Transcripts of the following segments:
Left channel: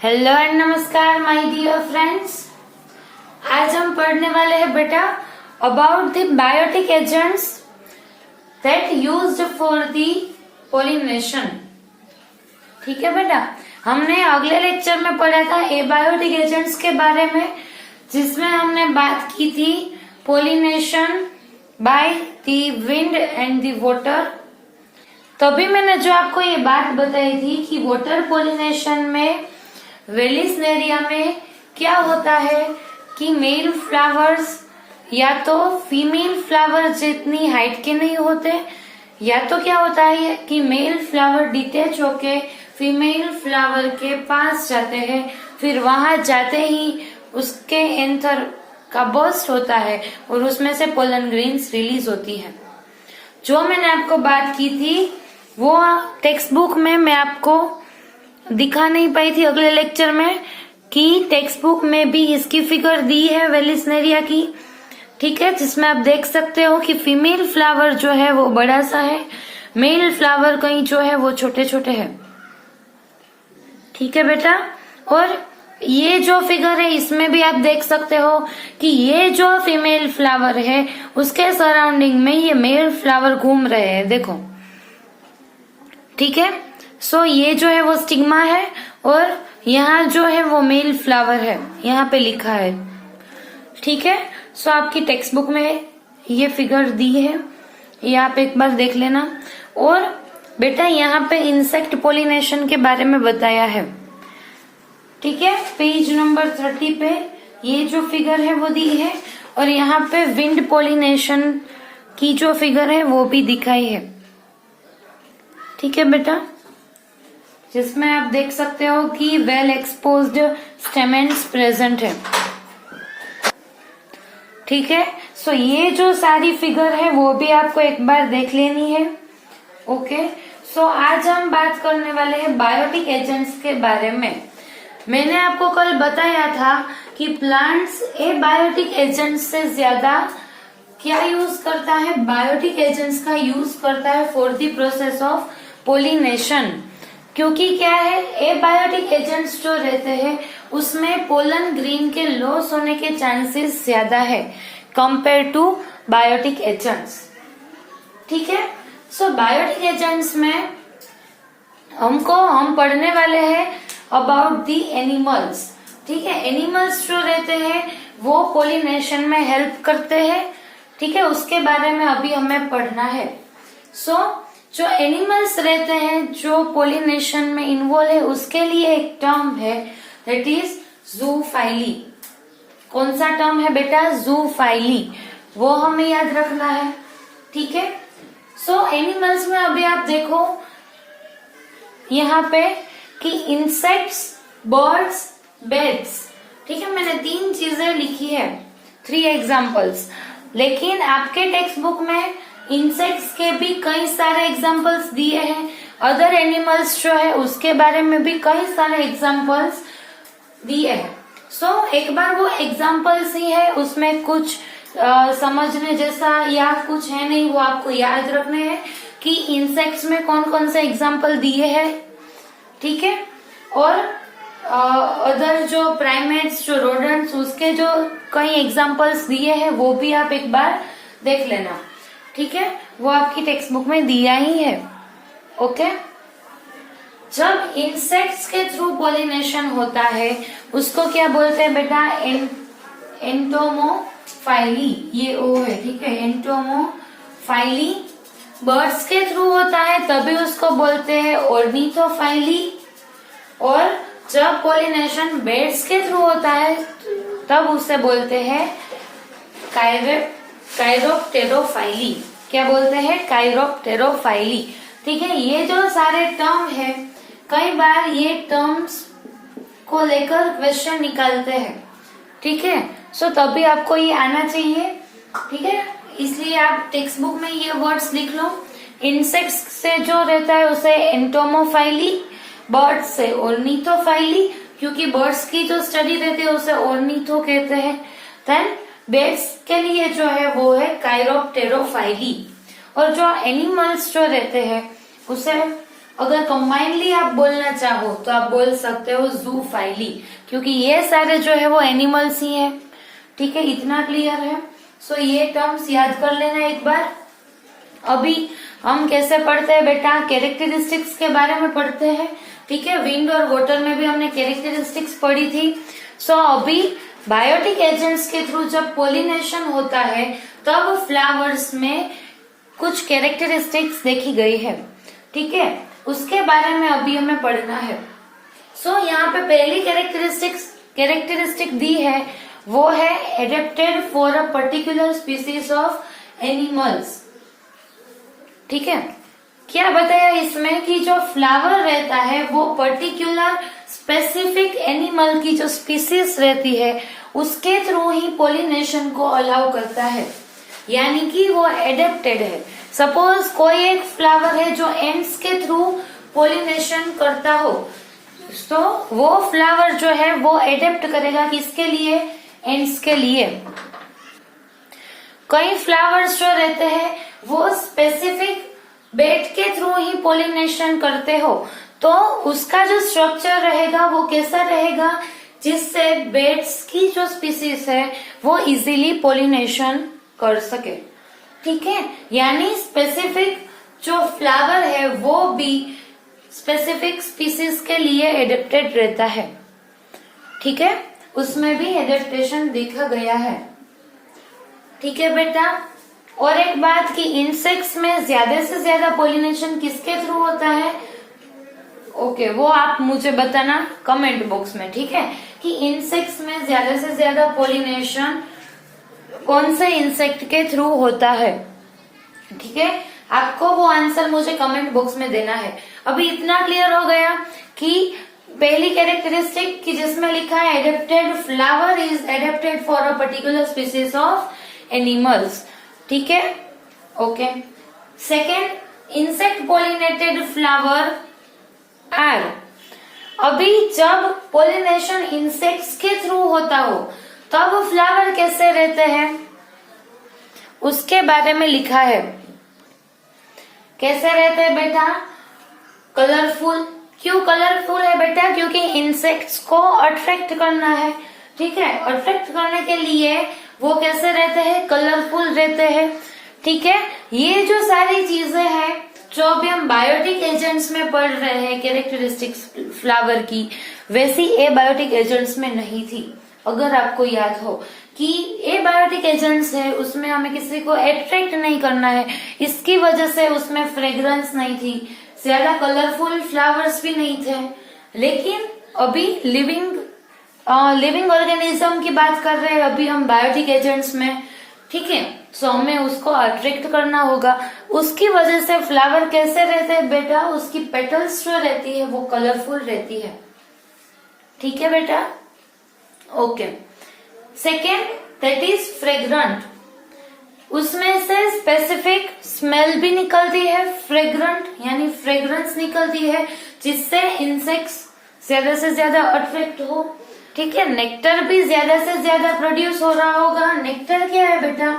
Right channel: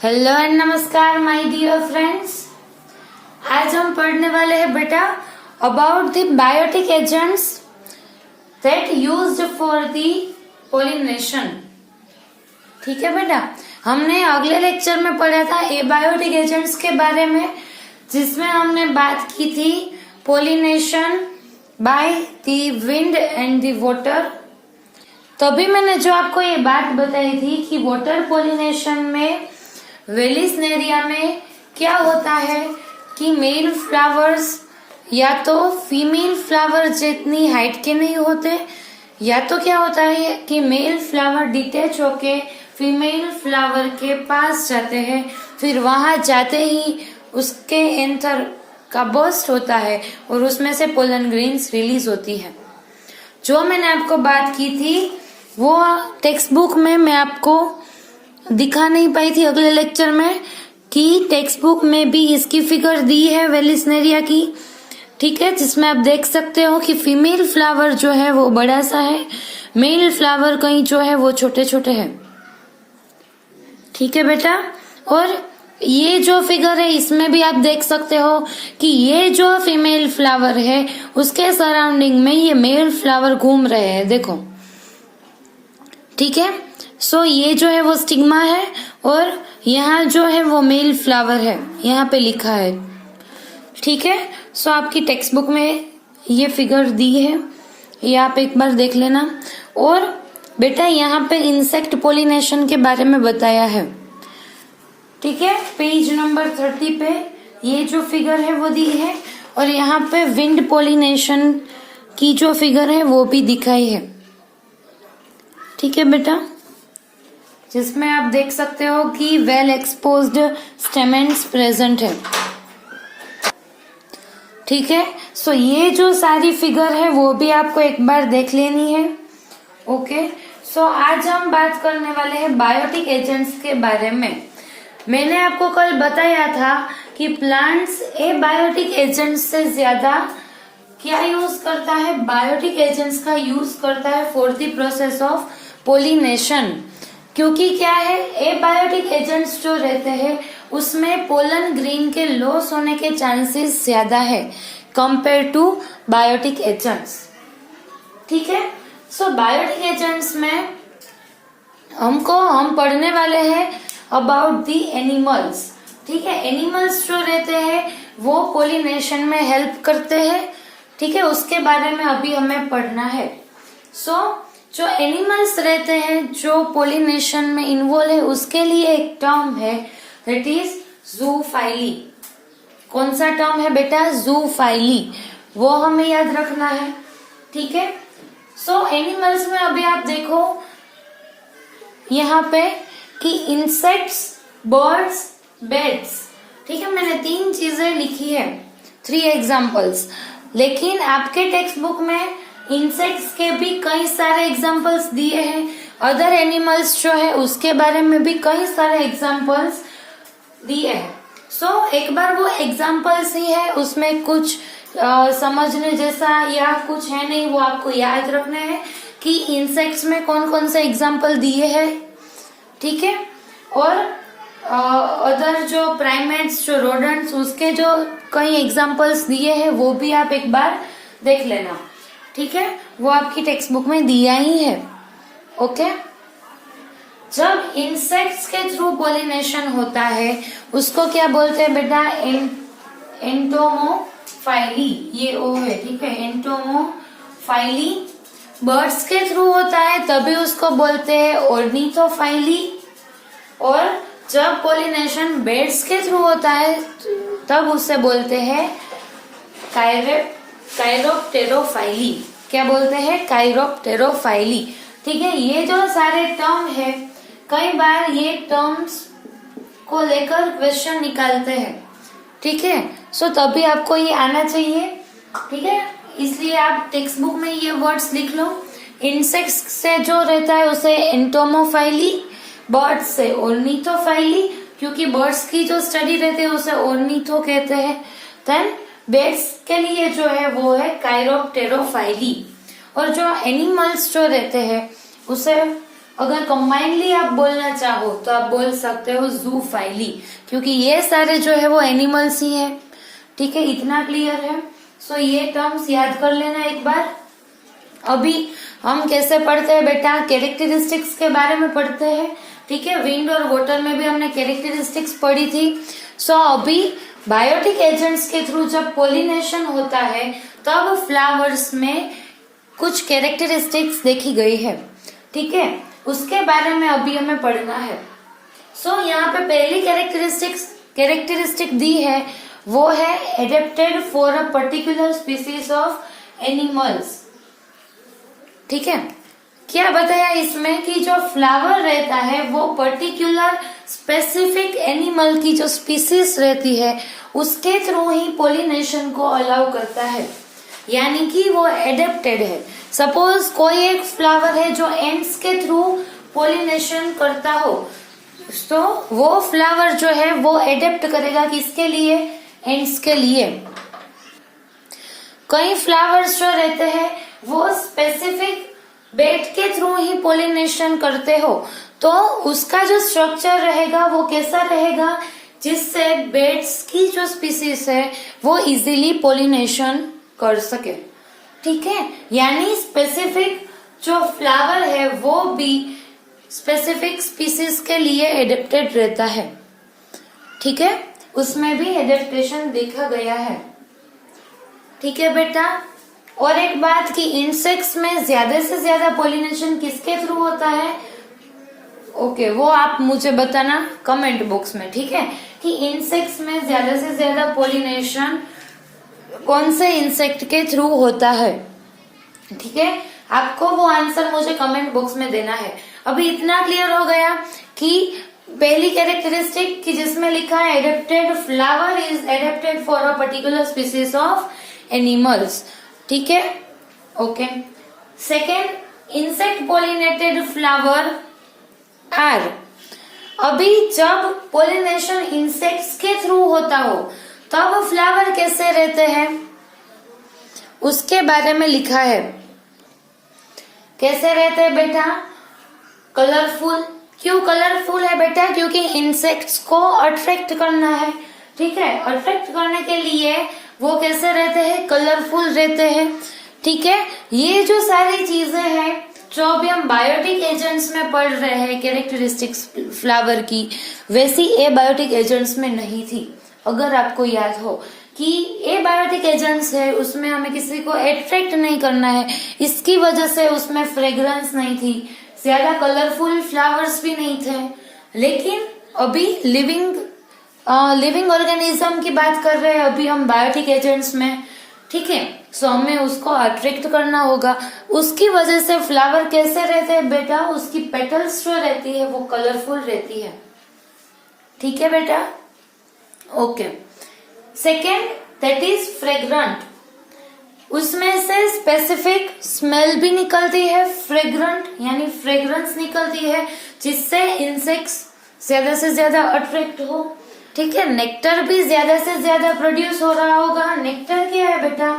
Hello and नमस्कार my dear friends. आज हम पढ़ने वाले हैं बेटा about the biotic agents that used for the pollination. ठीक है बेटा, हमने अगले लेक्चर में पढ़ा था एबायोटिक एजेंट्स के बारे में, जिसमें हमने बात की थी pollination by the wind and the water. तभी मैंने जो आपको ये बात बताई थी कि वाटर पोलिनेशन में वेलिस्नेरिया में क्या होता है कि मेल फ्लावर्स या तो फीमेल फ्लावर जितनी हाइट के नहीं होते, या तो क्या होता है कि मेल फ्लावर डिटेच होके फीमेल फ्लावर के पास जाते हैं, फिर वहां जाते ही उसके एंथर का बर्स्ट होता है और उसमें से पोलन ग्रेन्स रिलीज होती है। जो मैंने आपको बात की थी वो टेक्स्ट बुक में मैं आपको दिखा नहीं पाई थी अगले लेक्चर में, कि टेक्स्ट बुक में भी इसकी फिगर दी है वेलिस्नेरिया की। ठीक है, जिसमें आप देख सकते हो कि फीमेल फ्लावर जो है वो बड़ा सा है, मेल फ्लावर कहीं जो है वो छोटे छोटे हैं। ठीक है बेटा, और ये जो फिगर है इसमें भी आप देख सकते हो कि ये जो फीमेल फ्लावर है उसके सराउंडिंग में ये मेल फ्लावर घूम रहे हैं, देखो। ठीक है, सो ये जो है वो स्टिग्मा है और यहाँ जो है वो मेल फ्लावर है, यहाँ पे लिखा है। ठीक है, सो आपकी टेक्स्ट बुक में ये फिगर दी है, ये आप एक बार देख लेना। और बेटा यहाँ पे इंसेक्ट पोलिनेशन के बारे में बताया है। ठीक है, पेज नंबर 30 पे ये जो फिगर है वो दी है, और यहाँ पे विंड पोलिनेशन की जो फिगर है वो भी दिखाई है। ठीक है बेटा, जिसमें आप देख सकते हो कि वेल एक्सपोज्ड स्टेमेंस प्रेजेंट है। ठीक है, सो ये जो सारी फिगर है वो भी आपको एक बार देख लेनी है। ओके, सो आज हम बात करने वाले हैं बायोटिक एजेंट्स के बारे में। मैंने आपको कल बताया था कि प्लांट्स एबायोटिक एजेंट्स से ज्यादा क्या यूज करता है, बायोटिक एजेंट्स का यूज करता है for the process of pollination. क्योंकि क्या है, एबायोटिक एजेंट्स जो रहते हैं उसमें पोलन ग्रेन के लॉस होने के चांसेस ज्यादा है कंपेयर टू बायोटिक एजेंट्स। ठीक है, सो बायोटिक एजेंट्स में हम पढ़ने वाले हैं अबाउट दी एनिमल्स। ठीक है, एनिमल्स जो रहते हैं वो पोलिनेशन में हेल्प करते हैं। ठीक है, उसके बारे में अभी हमें पढ़ना है। सो जो एनिमल्स रहते हैं जो पोलिनेशन में इन्वॉल्व है उसके लिए एक टर्म है, दैट इज ज़ूफाइली। कौन सा टर्म है बेटा? ज़ूफाइली, वो हमें याद रखना है। ठीक है, सो एनिमल्स में अभी आप देखो यहाँ पे कि इंसेक्ट्स, बर्ड्स, बेड्स। ठीक है, मैंने 3 चीजें लिखी है, 3 एग्जाम्पल्स, लेकिन आपके टेक्स्ट बुक में इंसेक्ट्स के भी कई सारे एग्जाम्पल्स दिए हैं, अदर एनिमल्स जो है उसके बारे में भी कई सारे एग्जाम्पल्स दिए हैं। सो एक बार वो एग्जाम्पल्स ही है, उसमें कुछ समझने जैसा या कुछ है नहीं, वो आपको याद रखने हैं कि इंसेक्ट्स में कौन कौन से एग्जाम्पल दिए हैं। ठीक है, और अदर जो प्राइमेट्स, जो रोडेंट्स, उसके जो कई एग्जाम्पल्स दिए हैं वो भी आप एक बार देख लेना। ठीक है, वो आपकी टेक्स्ट बुक में दिया ही है। ओके, जब इंसेक्ट्स के थ्रू पोलिनेशन होता है उसको क्या बोलते हैं बेटा? एंटोमोफाइली, ये ओ है। ठीक है, एंटोमोफाइली। बर्ड्स के थ्रू होता है तभी उसको बोलते हैं ऑर्निथोफाइली, और जब पोलिनेशन बर्ड्स के थ्रू होता है तब उसे बोलते हैं काइरोप्टेरोफाइली। क्या बोलते हैं? काइरोप्टेरोफाइली। ठीक है, ये जो सारे टर्म है, कई बार ये टर्म्स को लेकर क्वेश्चन निकालते हैं। ठीक है, सो तभी आपको ये आना चाहिए। ठीक है, इसलिए आप टेक्स्ट बुक में ये वर्ड्स लिख लो। इंसेक्ट्स से जो रहता है उसे एंटोमोफाइली, बर्ड्स से ऑर्निथोफाइली, क्योंकि बर्ड्स की जो स्टडी रहती है उसे ऑर्निथो कहते हैं। देन बेड्स के लिए जो है वो है काइरोप्टेरोफाइली, और जो एनिमल्स जो रहते हैं उसे अगर कंबाइनली आप बोलना चाहो तो आप बोल सकते हो जूफाइली, क्योंकि ये सारे जो है वो एनिमल्स ही है। ठीक है, इतना क्लियर है। सो ये टर्म्स याद कर लेना एक बार। अभी हम कैसे पढ़ते हैं बेटा, कैरेक्टरिस्टिक्स के बारे में पढ़ते हैं। ठीक है, विंड और वाटर में भी हमने कैरेक्टरिस्टिक्स पढ़ी थी। सो अभी बायोटिक एजेंट्स के थ्रू जब पोलिनेशन होता है तब फ्लावर्स में कुछ कैरेक्टरिस्टिक्स देखी गई है। ठीक है, उसके बारे में अभी हमें पढ़ना है। सो यहाँ पे पहली कैरेक्टरिस्टिक दी है, वो है adapted for a particular species of animals. ठीक है, क्या बताया इसमें कि जो फ्लावर रहता है वो पर्टिकुलर स्पेसिफिक एनिमल की जो स्पीसीज रहती है उसके थ्रू ही पोलिनेशन को अलाउ करता है, यानी कि वो एडेप्टेड है। सपोज कोई एक फ्लावर है जो एंड्स के थ्रू पोलिनेशन करता हो, तो वो फ्लावर जो है वो एडेप्ट करेगा किसके लिए, एंड्स के लिए। कई फ्लावर्स जो रहते हैं वो स्पेसिफिक बेट के थ्रू ही पोलिनेशन करते हो, तो उसका जो स्ट्रक्चर रहेगा वो कैसा रहेगा, जिससे बेट्स की जो स्पीसीज है वो इजीली पोलिनेशन कर सके। ठीक है, यानी स्पेसिफिक जो फ्लावर है वो भी स्पेसिफिक स्पीसीज के लिए एडेप्टेड रहता है। ठीक है, उसमें भी एडेप्टेशन देखा गया है। ठीक है बेटा, और एक बात कि इंसेक्ट्स में ज्यादा से ज्यादा पोलिनेशन किसके थ्रू होता है, ओके, वो आप मुझे बताना कमेंट बॉक्स में। ठीक है, कि इंसेक्ट्स में ज्यादा से ज्यादा पोलिनेशन कौन से इंसेक्ट के थ्रू होता है। ठीक है, आपको वो आंसर मुझे कमेंट बॉक्स में देना है। अभी इतना क्लियर हो गया कि पहली कैरेक्टरिस्टिक की जिसमें लिखा है adapted flower is adapted for a particular species of animals. ठीक है, okay. Second, insect pollinated flower are. अभी जब पोलिनेशन इंसेक्ट्स के थ्रू होता हो तब फ्लावर कैसे रहते हैं उसके बारे में लिखा है। कैसे रहते हैं बेटा, कलरफुल। क्यों कलरफुल है बेटा, क्योंकि इंसेक्ट्स को अट्रैक्ट करना है। ठीक है, अट्रैक्ट करने के लिए वो कैसे रहते हैं, कलरफुल रहते हैं। ठीक है, ये जो सारी चीजें हैं जो अभी हम बायोटिक एजेंट्स में पढ़ रहे हैं कैरेक्टरिस्टिक्स फ्लावर की, वैसी ए बायोटिक एजेंट्स में नहीं थी। अगर आपको याद हो कि ए बायोटिक एजेंट्स है उसमें हमें किसी को अट्रैक्ट नहीं करना है, इसकी वजह से उसमें फ्रेग्रेंस नहीं थी, ज्यादा कलरफुल फ्लावर्स भी नहीं थे। लेकिन अभी लिविंग ऑर्गेनिज्म की बात कर रहे हैं अभी हम बायोटिक एजेंट्स में। ठीक है, सो हमें उसको अट्रैक्ट करना होगा, उसकी वजह से फ्लावर कैसे रहते हैं बेटा, उसकी पेटल्स जो रहती है वो कलरफुल रहती है। ठीक है बेटा, okay. Second, that is fragrant. उसमें से स्पेसिफिक स्मेल भी निकलती है, फ्रेग्रेंट यानी फ्रेग्रेंस निकलती है, जिससे इंसेक्ट्स ज्यादा से ज्यादा अट्रैक्ट हो। ठीक है, नेक्टर भी ज्यादा से ज्यादा प्रोड्यूस हो रहा होगा। नेक्टर क्या है बेटा,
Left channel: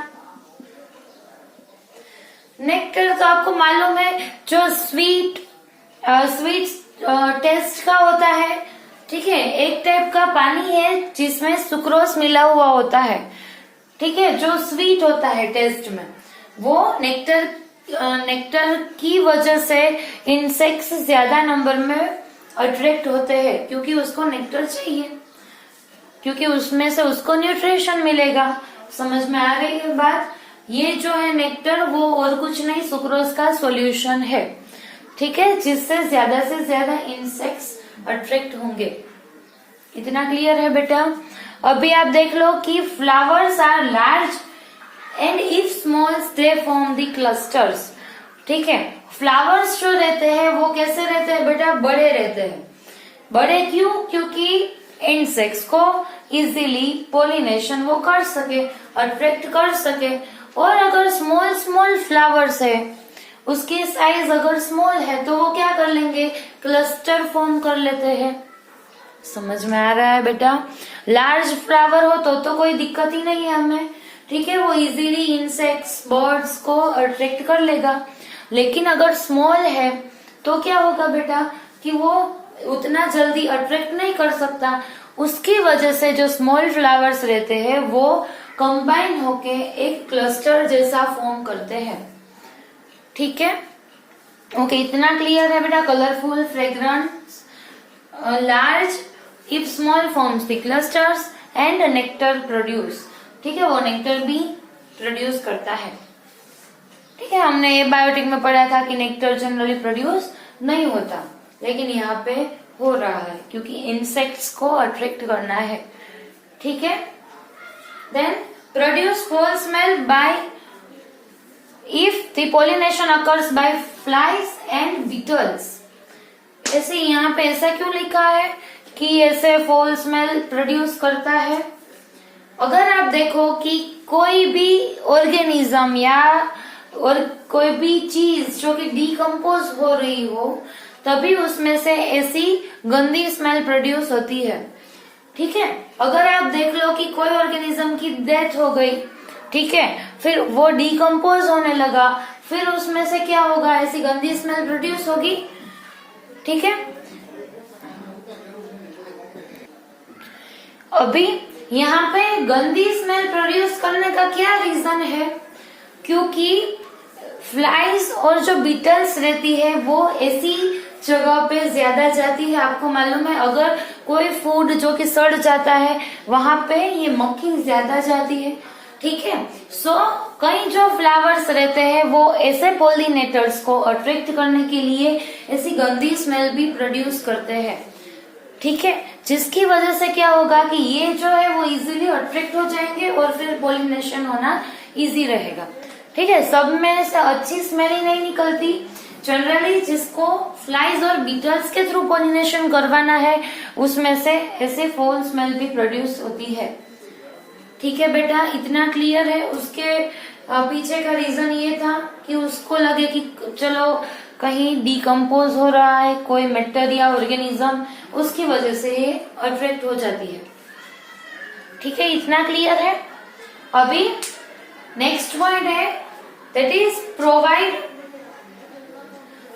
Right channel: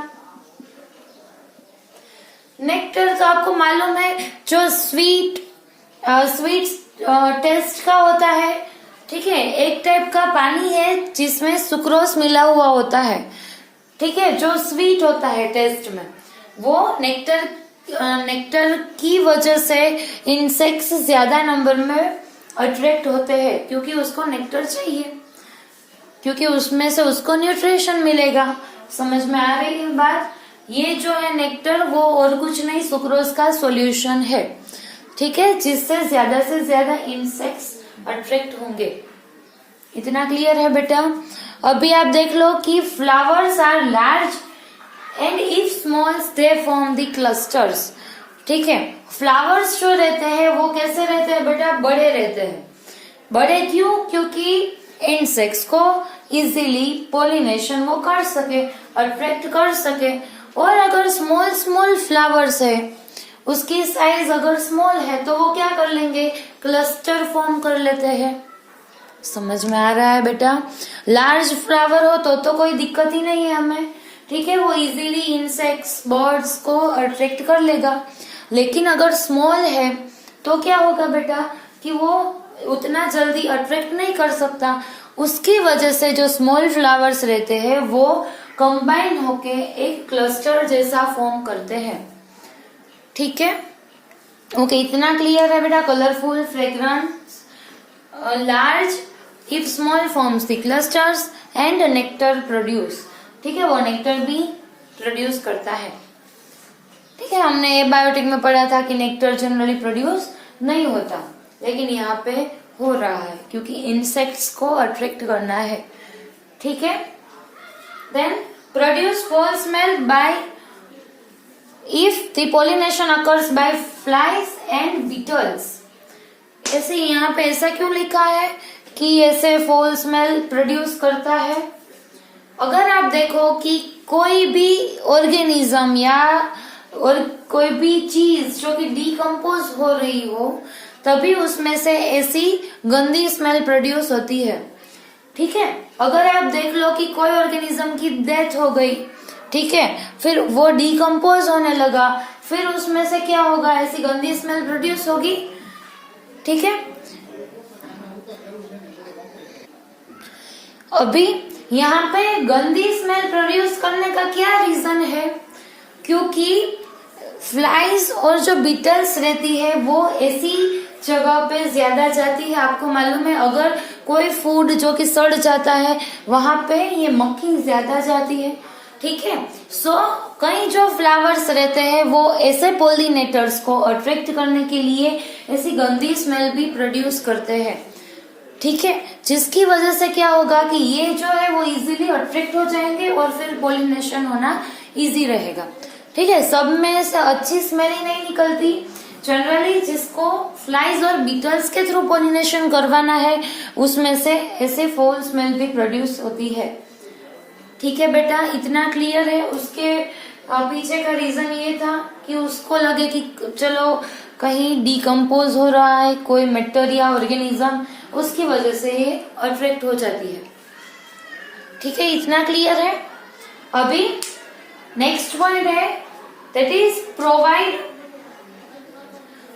नेक्टर तो आपको मालूम है जो स्वीट टेस्ट का होता है। ठीक है, एक टाइप का पानी है जिसमें सुक्रोज मिला हुआ होता है। ठीक है, जो स्वीट होता है टेस्ट में, वो नेक्टर की वजह से इंसेक्ट्स ज्यादा नंबर में अट्रैक्ट होते हैं, क्योंकि उसको नेक्टर चाहिए, क्योंकि उसमें से उसको न्यूट्रिशन मिलेगा। समझ में आ रही है बात। ये जो है नेक्टर वो और कुछ नहीं, सुक्रोज का सॉल्यूशन है। ठीक है, जिससे ज्यादा से ज्यादा इंसेक्ट्स अट्रैक्ट होंगे। इतना क्लियर है बेटा। अभी आप देख लो कि flowers are large and if small they form the clusters. ठीक है, फ्लावर्स जो रहते हैं वो कैसे रहते हैं बेटा, बड़े रहते हैं। बड़े क्यों, क्योंकि इंसेक्ट्स को इजीली पोलिनेशन वो कर सके, अट्रैक्ट कर सके। और अगर स्मॉल फ्लावर्स है, उसकी साइज अगर स्मॉल है तो वो क्या कर लेंगे, क्लस्टर फॉर्म कर लेते हैं। समझ में आ रहा है बेटा। लार्ज फ्लावर हो तो कोई दिक्कत ही नहीं है हमें। ठीक है, वो इजीली इंसेक्ट्स बर्ड्स को अट्रैक्ट कर लेगा। लेकिन अगर स्मॉल है तो क्या होगा बेटा कि वो उतना जल्दी अट्रैक्ट नहीं कर सकता। उसकी वजह से जो स्मॉल फ्लावर्स रहते हैं वो कंबाइन होके एक क्लस्टर जैसा फॉर्म करते हैं। ठीक है, ओके, इतना क्लियर है बेटा। Colourful, fragrance, large if small forms the clusters and nectar produce. ठीक है, वो नेक्टर भी प्रोड्यूस करता है। ठीक है, हमने ये बायोटिक में पढ़ा था कि नेक्टर जनरली प्रोड्यूस नहीं होता, लेकिन यहाँ पे हो रहा है क्योंकि इंसेक्ट्स को अट्रैक्ट करना है। ठीक है, then produce foul smell by if the pollination occurs by flies and beetles. ऐसे यहाँ पे ऐसा क्यों लिखा है कि ऐसे फॉल स्मेल प्रोड्यूस करता है? अगर आप देखो कि कोई भी ऑर्गेनिज्म या और कोई भी चीज जो कि डिकम्पोज हो रही हो, तभी उसमें से ऐसी गंदी स्मेल प्रोड्यूस होती है। ठीक है, अगर आप देख लो कि कोई ऑर्गेनिज्म की डेथ हो गई, ठीक है, फिर वो डिकम्पोज होने लगा, फिर उसमें से क्या होगा, ऐसी गंदी स्मेल प्रोड्यूस होगी। ठीक है, अभी यहाँ पे गंदी स्मेल प्रोड्यूस करने का क्या रीजन है? क्योंकि फ्लाइज और जो बीटल्स रहती है वो ऐसी जगह पे ज्यादा जाती है। आपको मालूम है, अगर कोई फूड जो कि सड़ जाता है वहां पे ये मक्खी ज्यादा जाती है। ठीक है, सो कई जो फ्लावर्स रहते हैं वो ऐसे पोलिनेटर्स को अट्रैक्ट करने के लिए ऐसी गंदी स्मेल भी प्रोड्यूस करते हैं। ठीक है, जिसकी वजह से क्या होगा कि ये जो है वो इजीली अट्रैक्ट हो जाएंगे और फिर पोलिनेशन होना इजी रहेगा। ठीक है, सब में से अच्छी स्मेल ही नहीं निकलती। जनरली जिसको फ्लाइज और बीटल्स के थ्रू पोलिनेशन करवाना है उसमें से ऐसे फॉल स्मेल भी प्रोड्यूस होती है। ठीक है बेटा, इतना क्लियर है। उसके पीछे का रीजन ये था कि उसको लगे कि चलो कहीं डिकम्पोज हो रहा है कोई मेटर या ऑर्गेनिज्म, उसकी वजह से ये अट्रैक्ट हो जाती है। ठीक है, इतना क्लियर है। अभी नेक्स्ट पॉइंट है that is provide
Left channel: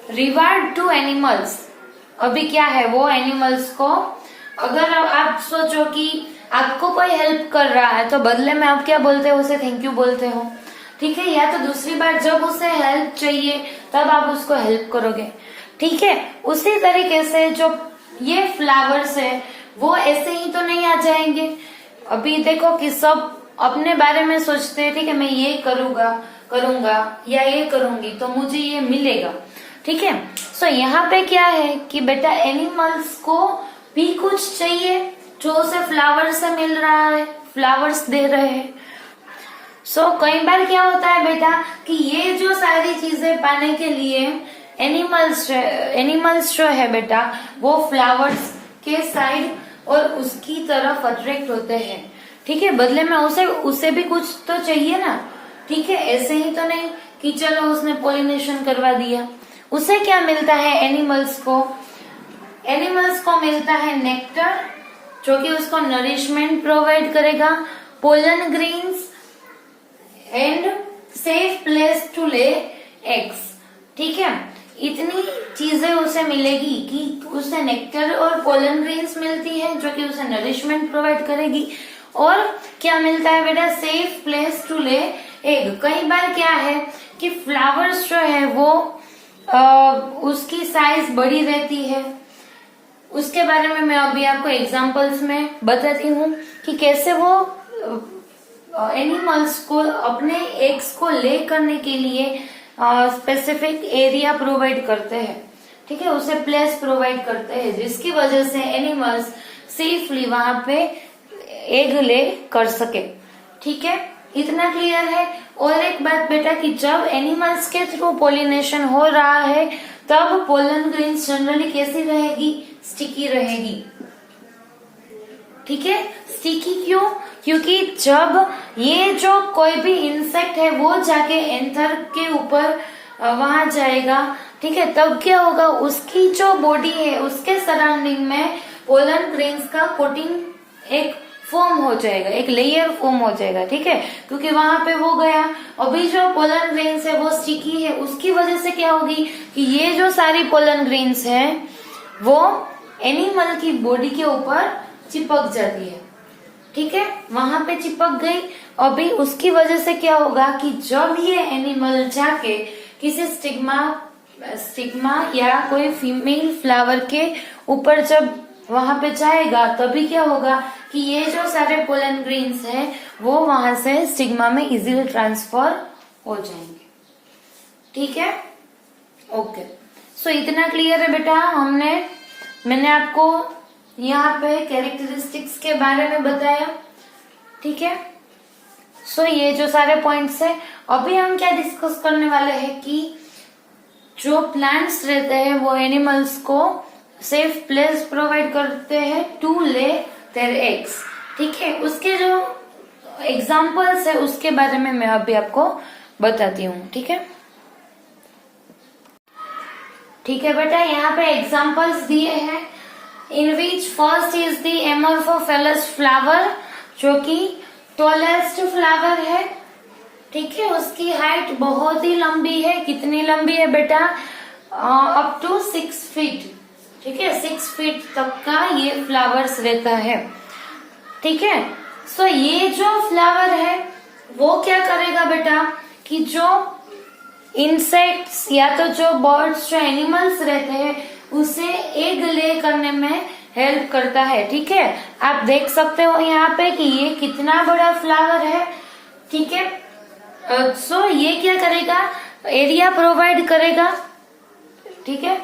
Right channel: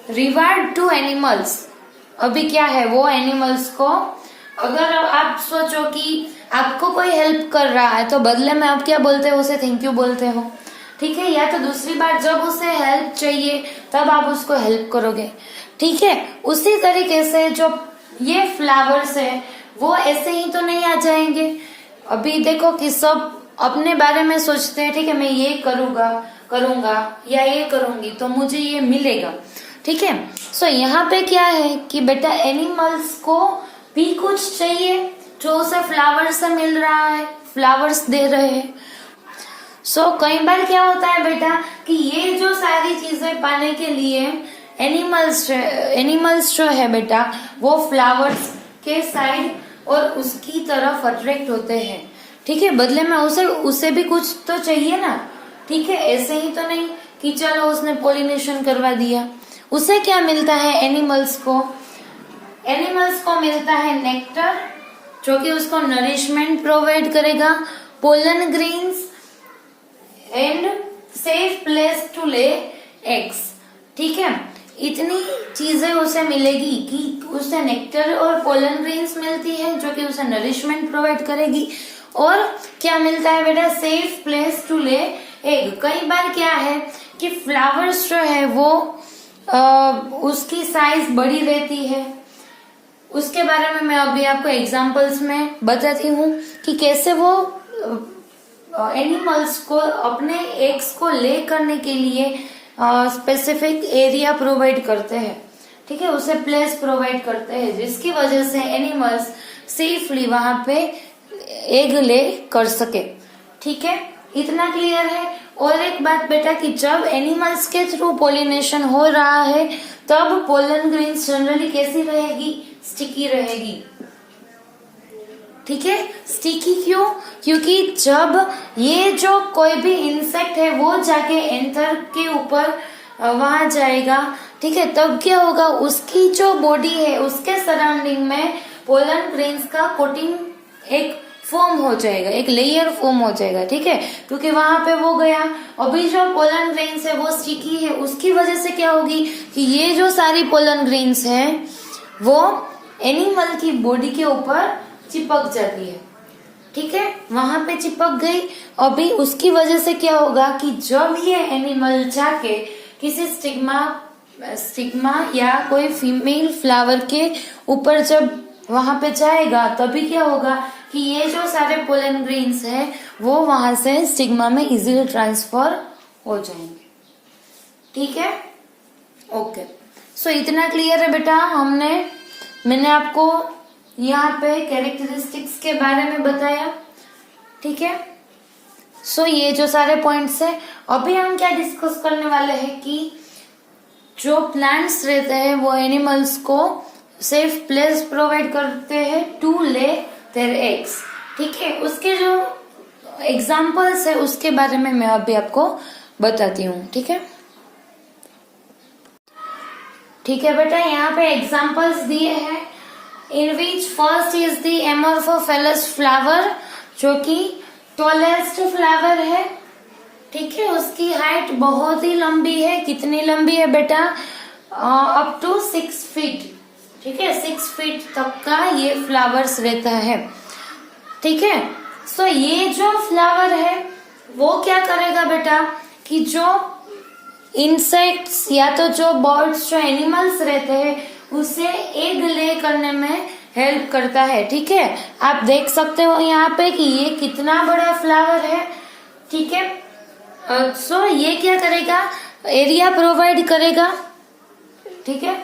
reward to animals. अभी क्या है, वो एनिमल्स को, अगर आप सोचो कि आपको कोई हेल्प कर रहा है तो बदले में आप क्या बोलते हो, उसे थैंक यू बोलते हो। ठीक है, या तो दूसरी बार जब उसे हेल्प चाहिए तब आप उसको हेल्प करोगे। ठीक है, उसी तरीके से जो ये फ्लावर्स है वो ऐसे ही तो नहीं आ जाएंगे। अभी देखो कि सब अपने बारे में सोचते हैं, ठीक है, मैं ये करूंगा या ये करूंगी तो मुझे ये मिलेगा। ठीक है, सो यहाँ पे क्या है कि बेटा एनिमल्स को भी कुछ चाहिए जो उसे फ्लावर से मिल रहा है, फ्लावर्स दे रहे हैं। सो कई बार क्या होता है बेटा कि ये जो सारी चीजें पाने के लिए एनिमल्स जो है बेटा वो फ्लावर्स के साइड और उसकी तरफ अट्रैक्ट होते हैं। ठीक है, बदले में उसे भी कुछ तो चाहिए ना। ठीक है, ऐसे ही तो नहीं कि चलो उसने पोलिनेशन करवा दिया। उसे क्या मिलता है एनिमल्स को मिलता है नेक्टर जो कि उसको नरिशमेंट प्रोवाइड करेगा, pollen grains and safe place to lay eggs. ठीक है, इतनी चीजें उसे मिलेगी कि उसे नेक्टर और पोलन ग्रेन्स मिलती है जो कि उसे नरिशमेंट प्रोवाइड करेगी, और क्या मिलता है बेटा, safe place to lay egg. कई बार क्या है कि फ्लावर्स जो है वो उसकी साइज बड़ी रहती है, उसके बारे में मैं अभी आपको एग्जांपल्स में बताती हूँ कि कैसे वो एनिमल्स को अपने एग्स को ले करने के लिए स्पेसिफिक एरिया प्रोवाइड करते हैं। ठीक है, उसे प्लेस प्रोवाइड करते हैं जिसकी वजह से एनिमल्स सेफली वहां पे एग ले कर सके। ठीक है, इतना क्लियर है। और एक बात बेटा कि जब एनिमल्स के थ्रू पोलिनेशन हो रहा है तब पोलन ग्रेन्स जनरली कैसी रहेगी, स्टिकी रहेगी। ठीक है, स्टिकी क्यों? क्योंकि जब ये जो कोई भी इंसेक्ट है वो जाके एंथर के ऊपर वहां जाएगा, ठीक है, तब क्या होगा, उसकी जो बॉडी है उसके सराउंडिंग में पोलन ग्रेन्स का कोटिंग एक फॉर्म हो जाएगा, एक लेयर फॉर्म हो जाएगा, ठीक है, क्योंकि वहां पे वो गया। अभी जो पोलन ग्रेन्स है वो स्टिकी है, उसकी वजह से क्या होगी कि ये जो सारी पोलन ग्रेन्स है वो एनिमल की बॉडी के ऊपर चिपक जाती है, ठीक है, वहां पे चिपक गई। अभी उसकी वजह से क्या होगा कि जब ये एनिमल जाके किसी स्टिग्मा या कोई फीमेल फ्लावर के ऊपर जब वहां पे जाएगा, तभी क्या होगा कि ये जो सारे पोलन ग्रेन्स हैं वो वहां से स्टिग्मा में इजीली ट्रांसफर हो जाएंगे, ठीक है, ओके। सो इतना क्लियर है बेटा। मैंने आपको यहाँ पे कैरेक्टरिस्टिक्स के बारे में बताया, ठीक है। सो ये जो सारे पॉइंट्स है, अभी हम क्या डिस्कस करने वाले हैं कि जो प्लांट्स रहते हैं वो एनिमल्स को सेफ प्लेस प्रोवाइड करते हैं टू ले देयर एग्स, ठीक है। उसके जो एग्जाम्पल्स है उसके बारे में मैं अभी आपको बताती हूँ, ठीक है, ठीक है बेटा। यहाँ पे एग्जाम्पल्स दिए हैं, इन which first is the Amorphophallus flower, जो कि टॉलेस्ट फ्लावर है, ठीक है, उसकी हाइट बहुत ही लंबी है। कितनी लंबी है बेटा? अप टू 6 फीट, ठीक है, 6 फीट तक का ये फ्लावर्स रहता है, ठीक है। सो ये जो फ्लावर है वो क्या करेगा बेटा कि जो इंसेक्ट्स या तो जो बर्ड्स, जो एनिमल्स रहते हैं उसे एग ले करने में हेल्प करता है, ठीक है। आप देख सकते हो यहाँ पे कि ये कितना बड़ा फ्लावर है, ठीक है। सो ये क्या करेगा, एरिया प्रोवाइड करेगा, ठीक है,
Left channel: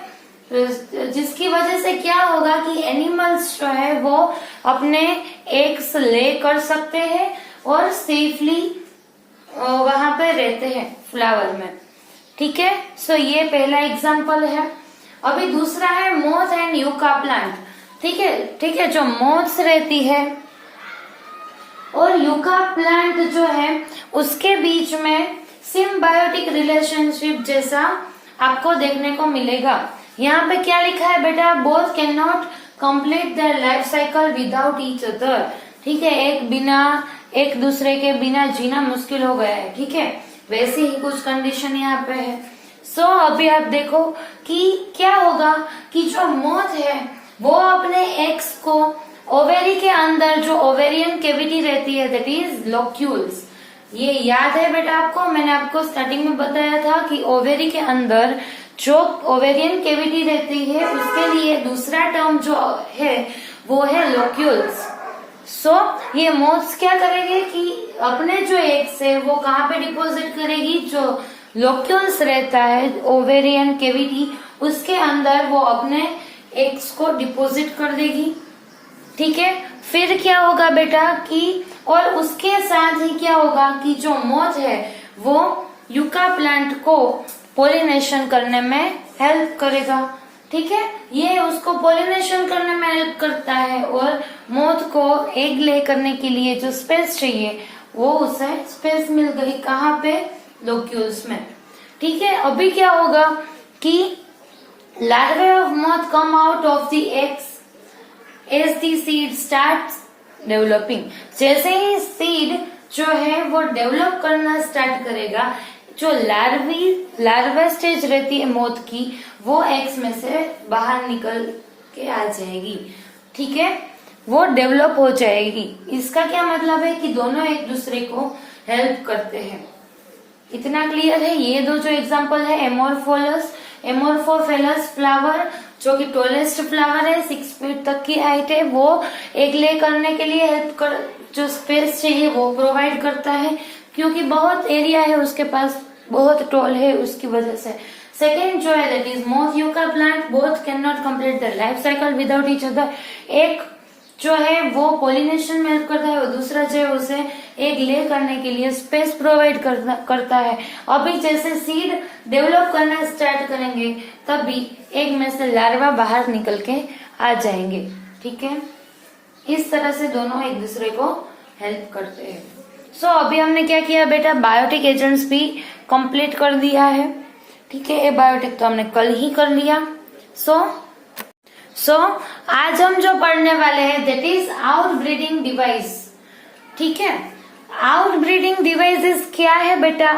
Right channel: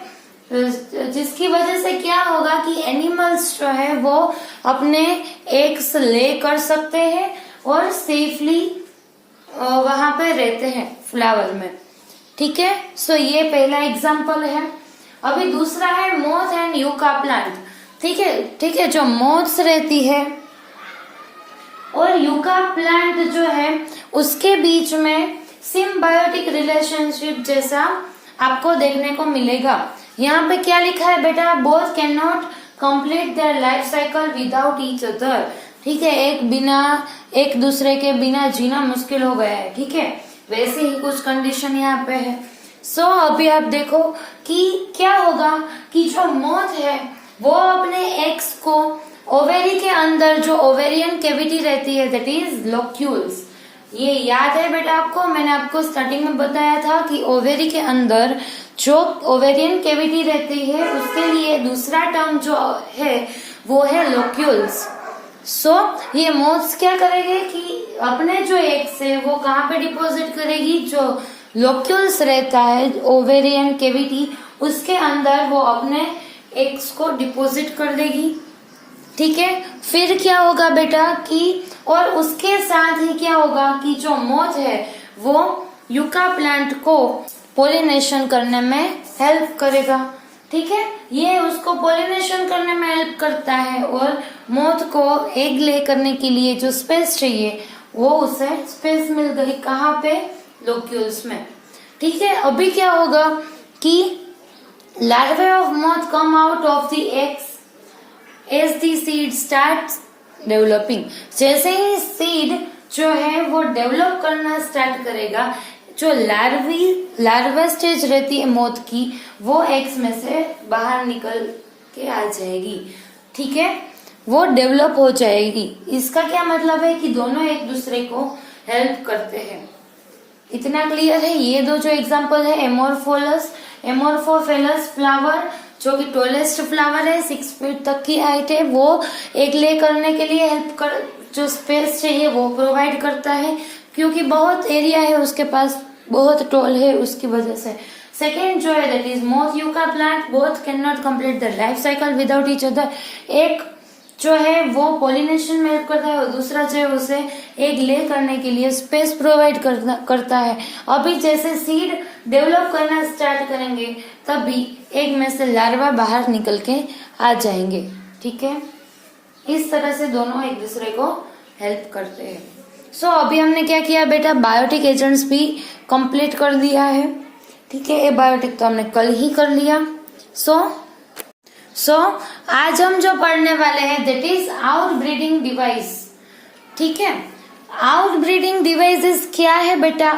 जिसकी वजह से क्या होगा कि एनिमल्स जो है वो अपने एग्स ले कर सकते हैं और सेफली वहां पे रहते हैं फ्लावर में, ठीक है। सो ये पहला एग्जांपल है। अभी दूसरा है मोथ एंड यूका प्लांट, ठीक है, ठीक है, जो मोथ्स रहती है और यूका प्लांट जो है उसके बीच में सिम्बायोटिक रिलेशनशिप जैसा आपको देखने को मिलेगा। यहाँ पे क्या लिखा है बेटा, both can not complete their life cycle without each other, ठीक है, एक दूसरे के बिना जीना मुश्किल हो गया है, ठीक है, वैसे ही कुछ कंडीशन यहाँ पे है। सो अभी आप देखो कि क्या होगा कि जो मोथ है वो अपने एग्स को ओवेरी के अंदर, जो ओवेरियन कैविटी रहती है दैट इज लोक्यूल्स, ये याद है बेटा आपको, मैंने आपको स्टार्टिंग में बताया था कि ओवेरी के अंदर जो ओवेरियन कैविटी रहती है उसके लिए दूसरा टर्म जो है वो है लोक्यूल्स। सो ये मोथ्स क्या करेंगे कि अपने जो एग्स है वो कहाँ पे डिपॉजिट करेगी, जो लोक्यूल्स रहता है ओवेरियन कैविटी उसके अंदर वो अपने एग्स को डिपॉजिट कर देगी, ठीक है। फिर क्या होगा बेटा कि और उसके साथ ही क्या होगा कि जो मोथ है वो यूका प्लांट को पोलिनेशन करने में हेल्प करेगा, ठीक है, ये उसको पोलिनेशन करने में हेल्प करता है और मोथ को एग ले करने के लिए जो स्पेस चाहिए वो उसे स्पेस मिल गई, कहाँ पे, लोक्यूल्स में, ठीक है। अभी क्या होगा कि larvae of moth come out of the eggs as the seed starts developing, जैसे ही सीड जो है वो डेवलप करना स्टार्ट करेगा, जो लार्वा स्टेज रहती है मोथ की वो एग्स में से बाहर निकल के आ जाएगी, ठीक है, वो डेवलप हो जाएगी। इसका क्या मतलब है कि दोनों एक दूसरे को हेल्प करते हैं। इतना क्लियर है। ये दो जो एग्जांपल है, एमोर्फोफेलस फ्लावर जो कि टॉलेस्ट फ्लावर है, 6 फीट तक की हाइट है, वो एग ले करने के लिए जो स्पेस चाहिए वो प्रोवाइड करता है, क्योंकि बहुत एरिया है उसके पास, बहुत टॉल है उसकी वजह से। सेकेंड जो है that is moth yucca plant, both can not complete the life cycle without each other, एक जो है वो पोलिनेशन में हेल्प करता है और दूसरा जो है उसे एग ले करने के लिए स्पेस प्रोवाइड करता है। अभी जैसे सीड डेवलप करना स्टार्ट करेंगे तभी एग में से लार्वा बाहर निकल के आ जाएंगे, ठीक है। इस तरह से दोनों एक दूसरे को हेल्प करते हैं। सो अभी हमने क्या किया बेटा, बायोटिक एजेंट्स भी कंप्लीट कर दिया है, ठीक है, ये बायोटिक तो हमने कल ही कर लिया। सो आज हम जो पढ़ने वाले हैं that is out breeding device, ठीक है। आउटब्रीडिंग डिवाइसेस क्या है बेटा,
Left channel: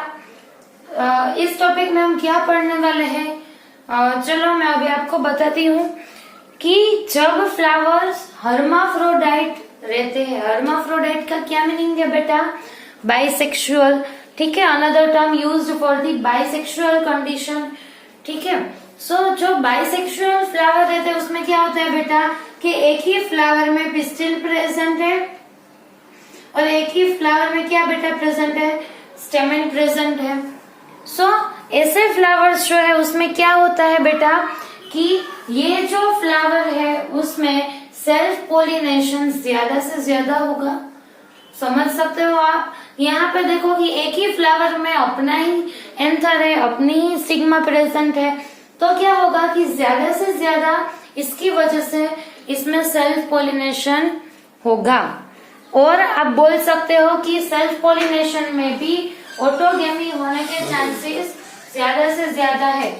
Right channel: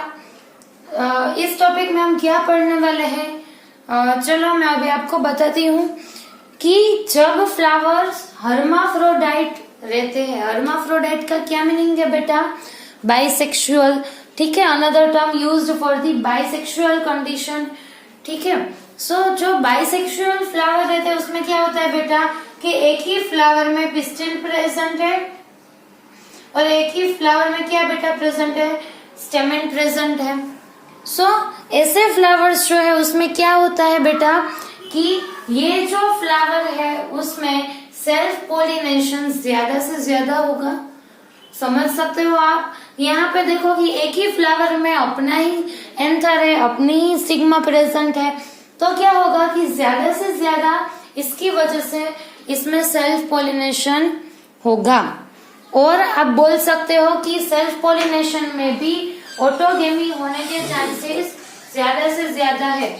इस टॉपिक में हम क्या पढ़ने वाले हैं, चलो मैं अभी आपको बताती हूँ कि जब फ्लावर्स हर्माफ्रोडाइट रहते हैं, हर्माफ्रोडाइट का क्या मीनिंग है बेटा, बाइसेक्सुअल, ठीक है, another term used for the bisexual condition, ठीक है। सो जो बाइसेक्सुअल फ्लावर रहते हैं उसमें क्या होता है बेटा कि एक ही फ्लावर में पिस्टिल प्रेजेंट है और एक ही फ्लावर में क्या बेटा प्रेजेंट है, स्टेमन प्रेजेंट है। सो ऐसे फ्लावर्स जो है उसमें क्या होता है बेटा कि ये जो फ्लावर है उसमें सेल्फ पोलिनेशन ज्यादा से ज्यादा होगा, समझ सकते हो आप। यहाँ पे देखो कि एक ही फ्लावर में अपना ही एंथर है, अपनी ही स्टिग्मा प्रेजेंट है, तो क्या होगा कि ज्यादा से ज्यादा इसकी वजह से इसमें सेल्फ पोलिनेशन होगा। और आप बोल सकते हो कि सेल्फ पोलिनेशन में भी ऑटोगेमी होने के चांसेस ज्यादा से ज्यादा है,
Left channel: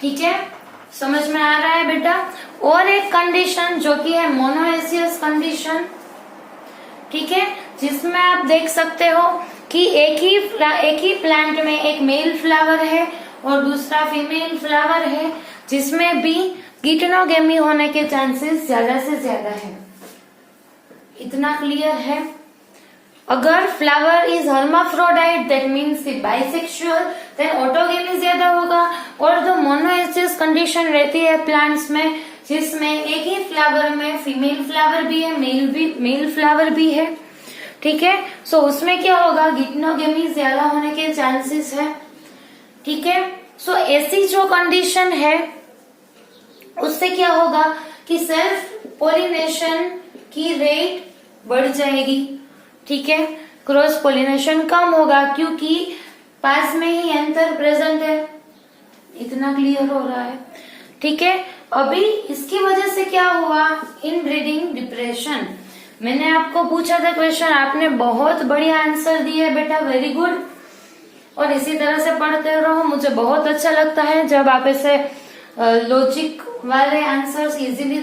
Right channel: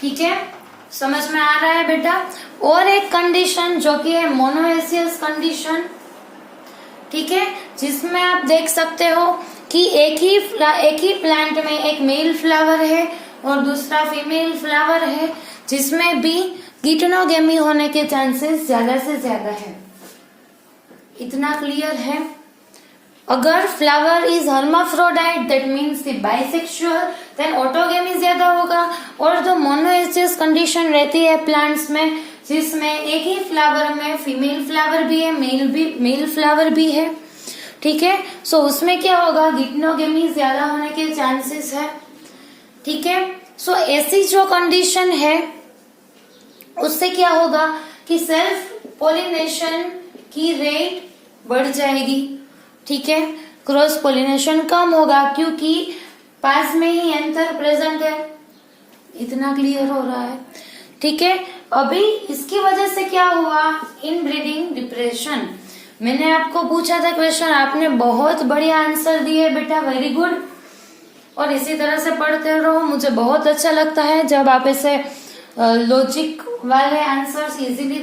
ठीक है, समझ में आ रहा है बेटा। और एक कंडीशन जो कि है मोनोएसियस कंडीशन, ठीक है, जिसमें आप देख सकते हो कि एक ही प्लांट में एक मेल फ्लावर है और दूसरा फीमेल फ्लावर है, जिसमें भी गिटनोगेमी होने के चांसेस ज्यादा से ज्यादा है। इतना क्लियर है। अगर flower is hermaphrodite that means bisexual, then autogamy ज्यादा होगा। और जो मोनोएसियस कंडीशन रहती है प्लांट्स में, जिसमें एक ही फ्लावर में फीमेल फ्लावर भी है, मेल फ्लावर भी है, ठीक है, सो उसमें क्या होगा, गिटनोगेमी ज्यादा होने के चांसेस है, ठीक है। सो ऐसी जो कंडीशन है उससे क्या होगा कि सेल्फ पोलिनेशन की रेट बढ़ जाएगी, ठीक है, क्रॉस पोलिनेशन कम होगा क्योंकि पास में ही एंथर प्रेजेंट है। इतना क्लियर हो रहा है, ठीक है। अभी इसकी वजह से क्या हुआ, इनब्रीडिंग डिप्रेशन। मैंने आपको पूछा था क्वेश्चन, आपने बहुत बढ़िया आंसर दिए बेटा, वेरी गुड। और इसी तरह से पढ़ते रहो, मुझे बहुत अच्छा लगता है जब आप ऐसे लॉजिक वाले आंसर्स इजीली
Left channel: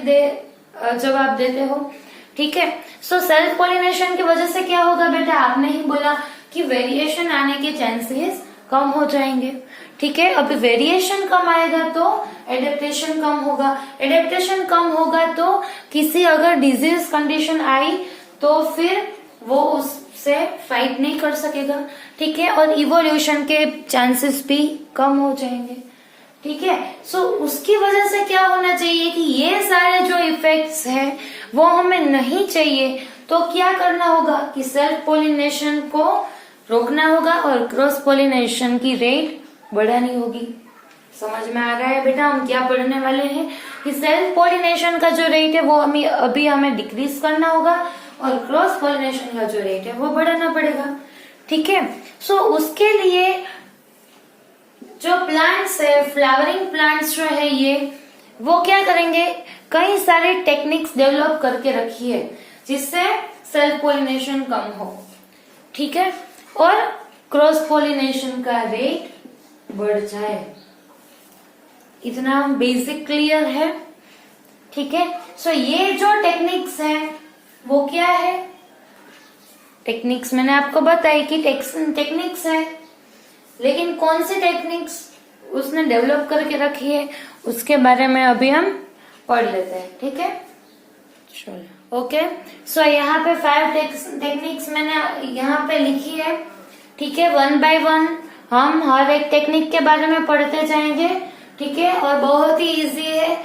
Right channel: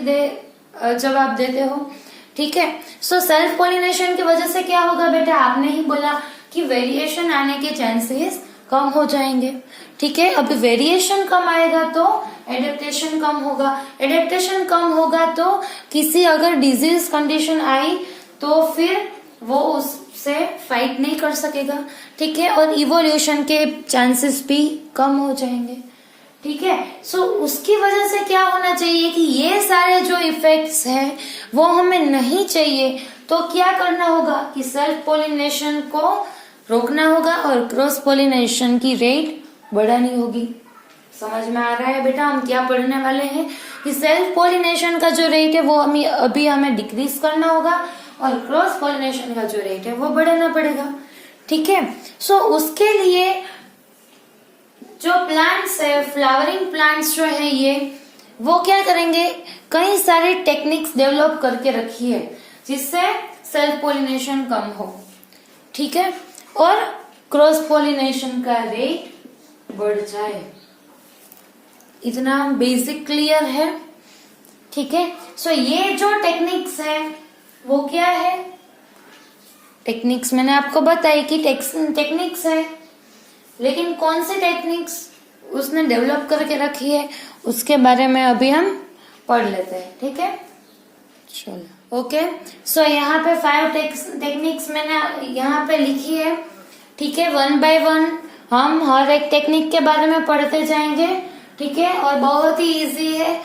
जवाब देते हो, ठीक है। सो सेल्फ पोलिनेशन की वजह से क्या होगा बेटा, आपने ही बोला कि वेरिएशन आने के चांसेस कम हो जाएंगे, ठीक है। अभी वेरिएशन कम आएगा तो एडेप्टेशन कम होगा, एडेप्टेशन कम होगा तो किसी अगर डिजीज कंडीशन आई तो फिर वो उससे फाइट नहीं कर सकेगा, ठीक है, और इवोल्यूशन के चांसेस भी कम हो जाएंगे, ठीक है। सो उसकी वजह से क्या होना चाहिए कि ये सारे जो इफेक्ट्स हैं वो हमें नहीं चाहिए, तो क्या करना होगा कि सेल्फ पोलिनेशन को रोकना होगा और क्रॉस पोलिनेशन की रेट बढ़ानी होगी। समझ में आ रहा है बेटा हम क्या पढ़ने वाले हैं कि सेल्फ पोलिनेशन का जो रेट है वो अभी हमें डिक्रीज करना होगा और क्रॉस पोलिनेशन का जो रेट है वो बढ़ाना पड़ेगा, ठीक है। सो उसके लिए जो प्लांट्स है, फ्लावरिंग प्लांट्स जो है ये, वो क्या करेंगे, कई सारे टेक्निक्स डेवलप करके रखी है जिससे सेल्फ पोलिनेशन कम हो, ठीक है, और क्रॉस पोलिनेशन का रेट बढ़ जाए। इतना बेसिक क्लियर है, ठीक है। सो ये जो टेक्निक्स है वो क्या है, टेक्निक्स मैंने आपको बताया कि टेक्निक्स है, लेकिन कौन सी टेक्निक्स उसने डेवलप करके रखी है उसके बारे में अभी हम पढ़ लेते हैं, ठीक है, चलो ओके। सो यहाँ पे 5 टेक्निक्स मैंने यहाँ पे लिखी है, ठीक है, 1 बाय 1 हम हर एक टेक्निक के बारे में पढ़ते जाएंगे, ठीक है, और बहुत ही इजी है।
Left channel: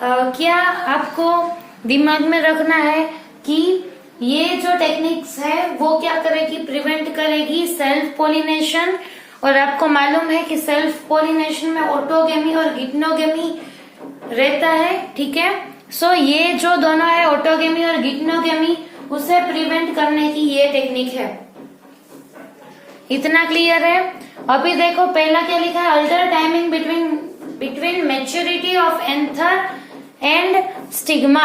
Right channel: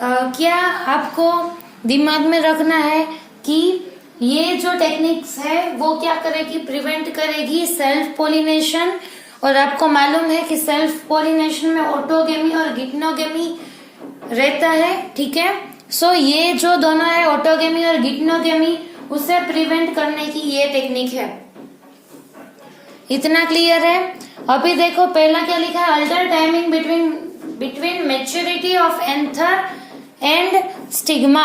क्या आपको दिमाग में रखना है कि ये जो टेक्निक्स है वो क्या करेगी, प्रिवेंट करेगी सेल्फ पोलिनेशन, और आपको मालूम है कि सेल्फ पोलिनेशन में ऑटोगेमी और गिटनोगेमी रहता है, ठीक है। सो ये जो दोनों है ऑटोगेमी और गिटनोगेमी, उसे प्रिवेंट करने की ये टेक्निक है। इतना क्लियर है। अभी देखो पहला क्या लिखा है, alter timing between maturity of anther and stigma,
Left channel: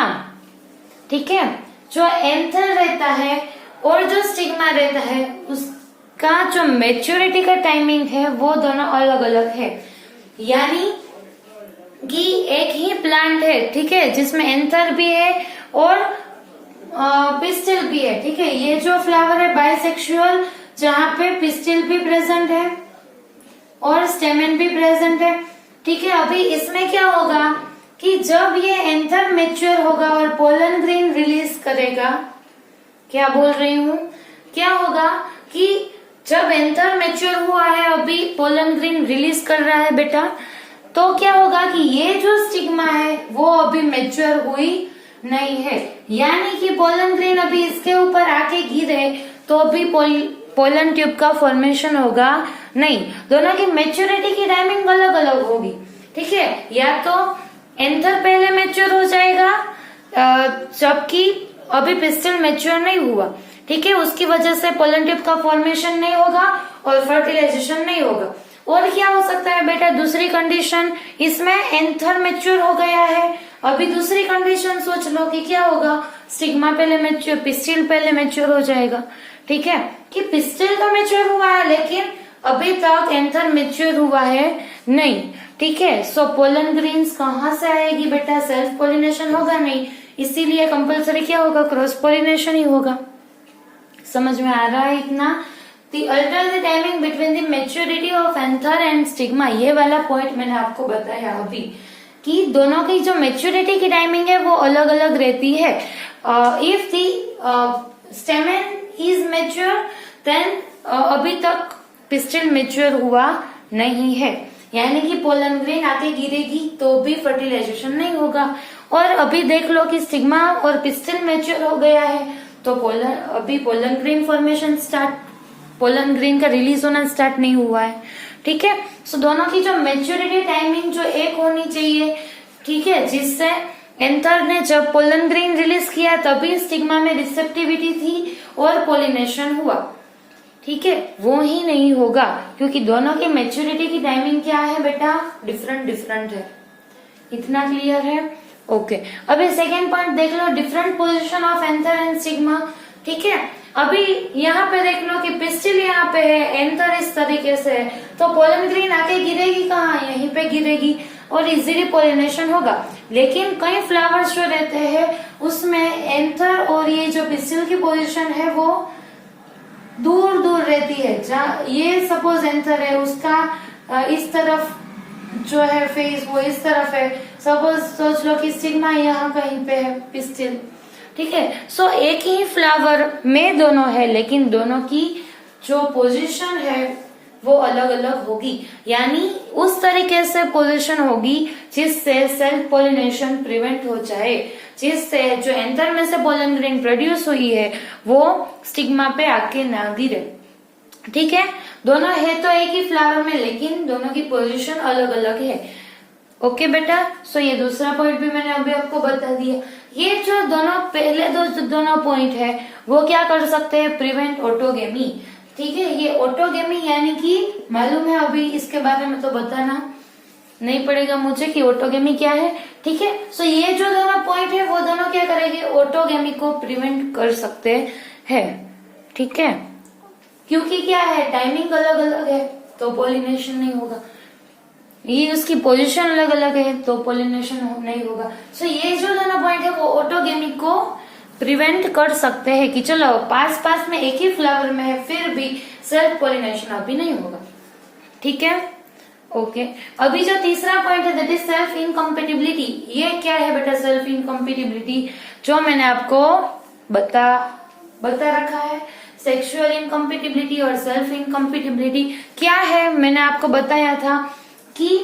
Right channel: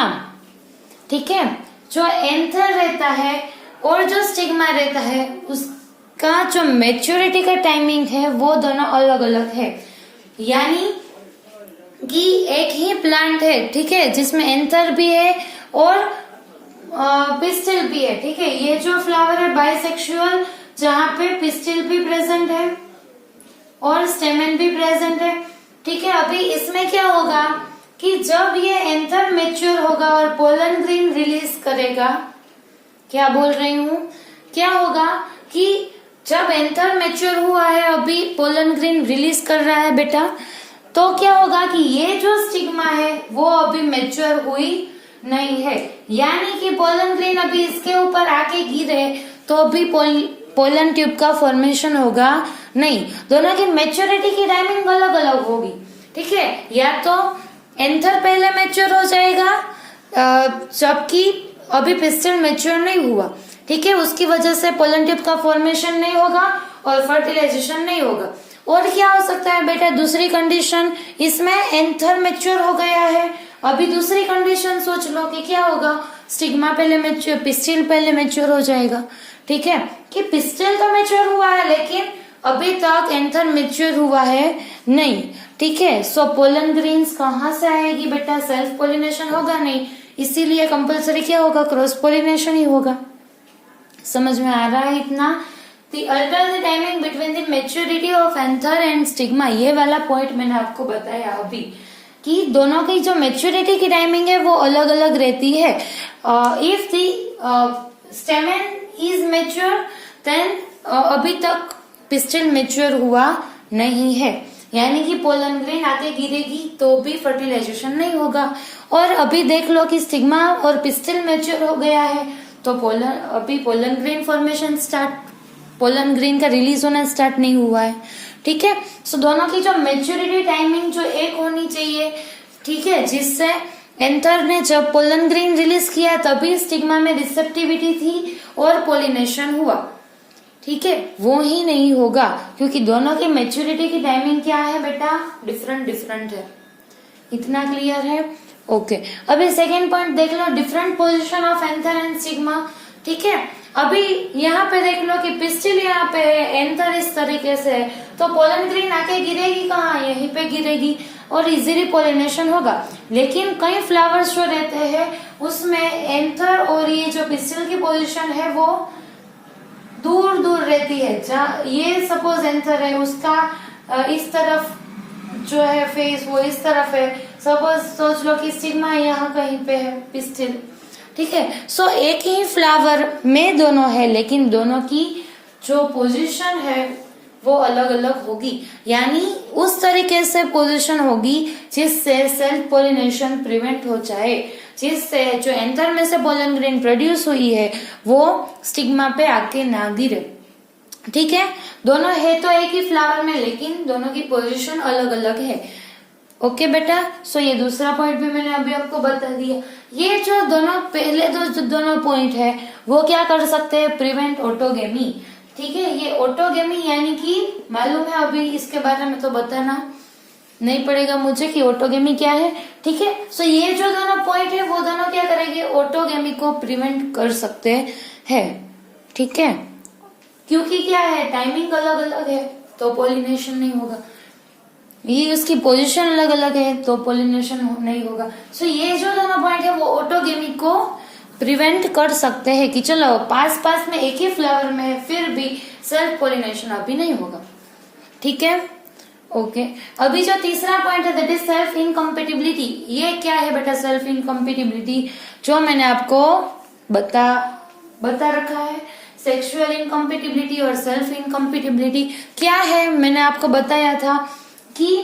ठीक है। जो एंथर रहता है और जो स्टिग्मा रहता है उसका जो मैच्योरिटी का टाइमिंग है वो दोनों अलग अलग है। यानी कि एक ही प्लांट है, ठीक है, जिसमें एंथर भी है और पिस्टिल भी है, ठीक है। ये जो फ्लावर है बाइसेक्सुअल, जहाँ पे पिस्टिल भी प्रेजेंट है और स्टेमेन भी प्रेजेंट है, ठीक है। अभी इसमें क्या होगा कि जब ये एंथर मैच्योर होगा और पोलन ग्रेन रिलीज करेगा, क्या बोल रही हूँ, क्या होगा कि जब एंथर मैच्योर हुआ है, अभी पोलन ग्रेन रिलीज कर रहा है बेटा, तो क्या होगा कि ये जो स्टिग्मा है वो अभी मैच्योर हुई नहीं है, यानी कि पोलन ग्रेन अभी इसके ऊपर आके गिरे तो भी पोलन ट्यूब का फॉर्मेशन होगा नहीं। दोनों की मैच्योरिटी की टाइमिंग अलग अलग होगी, ठीक है। या तो एंथर पहले मैच्योर हो जाएगा जबकि अभी पिस्टिल मैच्योर नहीं हुआ, ठीक है। उसकी वजह से पोलन ट्यूब का फॉर्मेशन नहीं होगा और फर्टिलाइजेशन नहीं होगा। और क्या हो सकता है बेटा, दूसरी कंडीशन, इसमें एंथर मैच्योर हो गया है, अभी दूसरी कंडीशन सोच लो कि क्या होगा, स्टिग्मा पहले मैच्योर, पिस्टिल पहले मैच्योर हो जाएगा, ठीक है। कि पिस्टिल तो मैच्योर हुआ है लेकिन अभी तक एंथर मैच्योर हुआ है नहीं, ठीक है। सो पोलन ग्रेन्स कहाँ से आएगी बेटा, सेल्फ पोलिनेशन होगा नहीं, इसीलिए कंपल्सरी क्या होगा, क्रॉस पोलिनेशन ही होगा। समझ में आ रहा है इतना? The alternate timing between the maturity of anther and stigma, ये वाला पॉइंट मैंने आपको बताया अभी कि दोनों की जो मेच्योरिटी की टाइमिंग है वो अलग अलग रहती है। If the stamen is mature then अभी तक पिस्टिल मेच्योर हुआ नहीं है, यानी कि पोलन ग्रेन आके गिरेगी तो भी फर्टिलाइजेशन नहीं होगा। और अभी देख लो कि स्टिग्मा और पिस्टिल मेच्योर हो गया है तो अभी pollen grain formation start, pollen grain का रिलीज होना स्टार्ट नहीं हुआ है, ठीक है। सो दोनों की जो मैच्योरिटी टाइमिंग जो एक होनी चाहिए, ठीक है, जिससे एंथर ने जब पोलन ग्रेन रिलीज किया तभी स्टिग्मा में रिसेप्टिविटी थी और पोलिनेशन हुआ, ठीक है, वो ही नहीं होगा क्योंकि दोनों की मैच्योरिटी की टाइमिंग क्या है बेटा, डिफरेंट है। इतना क्लियर है? ओके। अभी सेकेंड पॉइंट देख लो, different position of anther and stigma, ठीक है। अभी यहाँ पे देख लो कि पिस्टिल यहाँ पे है, एंथर इस तरीके से है, तो पोलन ग्रेन आके गिरेगी कहाँ, यहीं पे गिरेगी और इजीली पोलिनेशन होगा। लेकिन कई फ्लावर्स जो रहते हैं उसमें एंथर और ये जो पिस्टिल की पोजीशन है वो दूर दूर रहती है। जहाँ ये सपोज एंथर है, उसका इस तरफ जो है फेस वो इस तरफ है, सपोज सोच लो कि स्टिग्मा यहाँ कहीं पे है, पिस्टिल, ठीक है। सो एक ही फ्लावर में दोनों है लेकिन दोनों की जो पोजीशन है वो अलग अलग होगी, यानी उस तरीके से पोजीशन होगी जिससे सेल्फ पोलिनेशन प्रिवेंट हो जाए, जिससे जो एंथर में से पोलन ग्रेन प्रोड्यूस हुई है वो स्टिग्मा पे आके ना गिरे, ठीक है। दोनों है तो एक ही फ्लावर में लेकिन दोनों की पोजीशन अलग अलग है। ओके बेटा, सो ये दूसरा पॉइंट भी मैंने अभी आपको बता दिया। ये जो दोनों पहले दोनों पॉइंट है वो क्या कर सकते हैं, प्रिवेंट ऑटोगेमी, ठीक है। ये ऑटोगेमी यानी कि मालूम है, अभी इसके बारे में तो बताना नहीं पड़ेगा मुझे कि ऑटोगेमी क्या है, ठीक है। सो ये जो दोनों पॉइंट है वो दोनों क्या करेंगे, ऑटोगेमी को प्रिवेंट कर सकते हैं, ठीक है। क्योंकि क्या है, टाइमिंग अलग अलग है तो पोलिनेशन नहीं होगा, ये उसकी पोजीशन अलग अलग है तो पोलिनेशन नहीं होगा। सो ये जो दोनों पॉइंट है वो ऑटोगेमी को प्रिवेंट कर सकते हैं कि चलो पास में एक ही फ्लावर में है फिर भी सेल्फ पोलिनेशन अभी नहीं होगा, ठीक है। ओके, अभी जो तीसरा पॉइंट है दैट इज सेल्फ इनकम्पेटिबिलिटी। ये क्या है बेटा, सेल्फ इनकम्पेटिबिलिटी जो मैंने आपको बता रखा है। सेक्सुअल इनकम्पेटिबिलिटी और सेल्फ इनकम्पेटिबिलिटी क्या है, मैंने आपको बताया था कि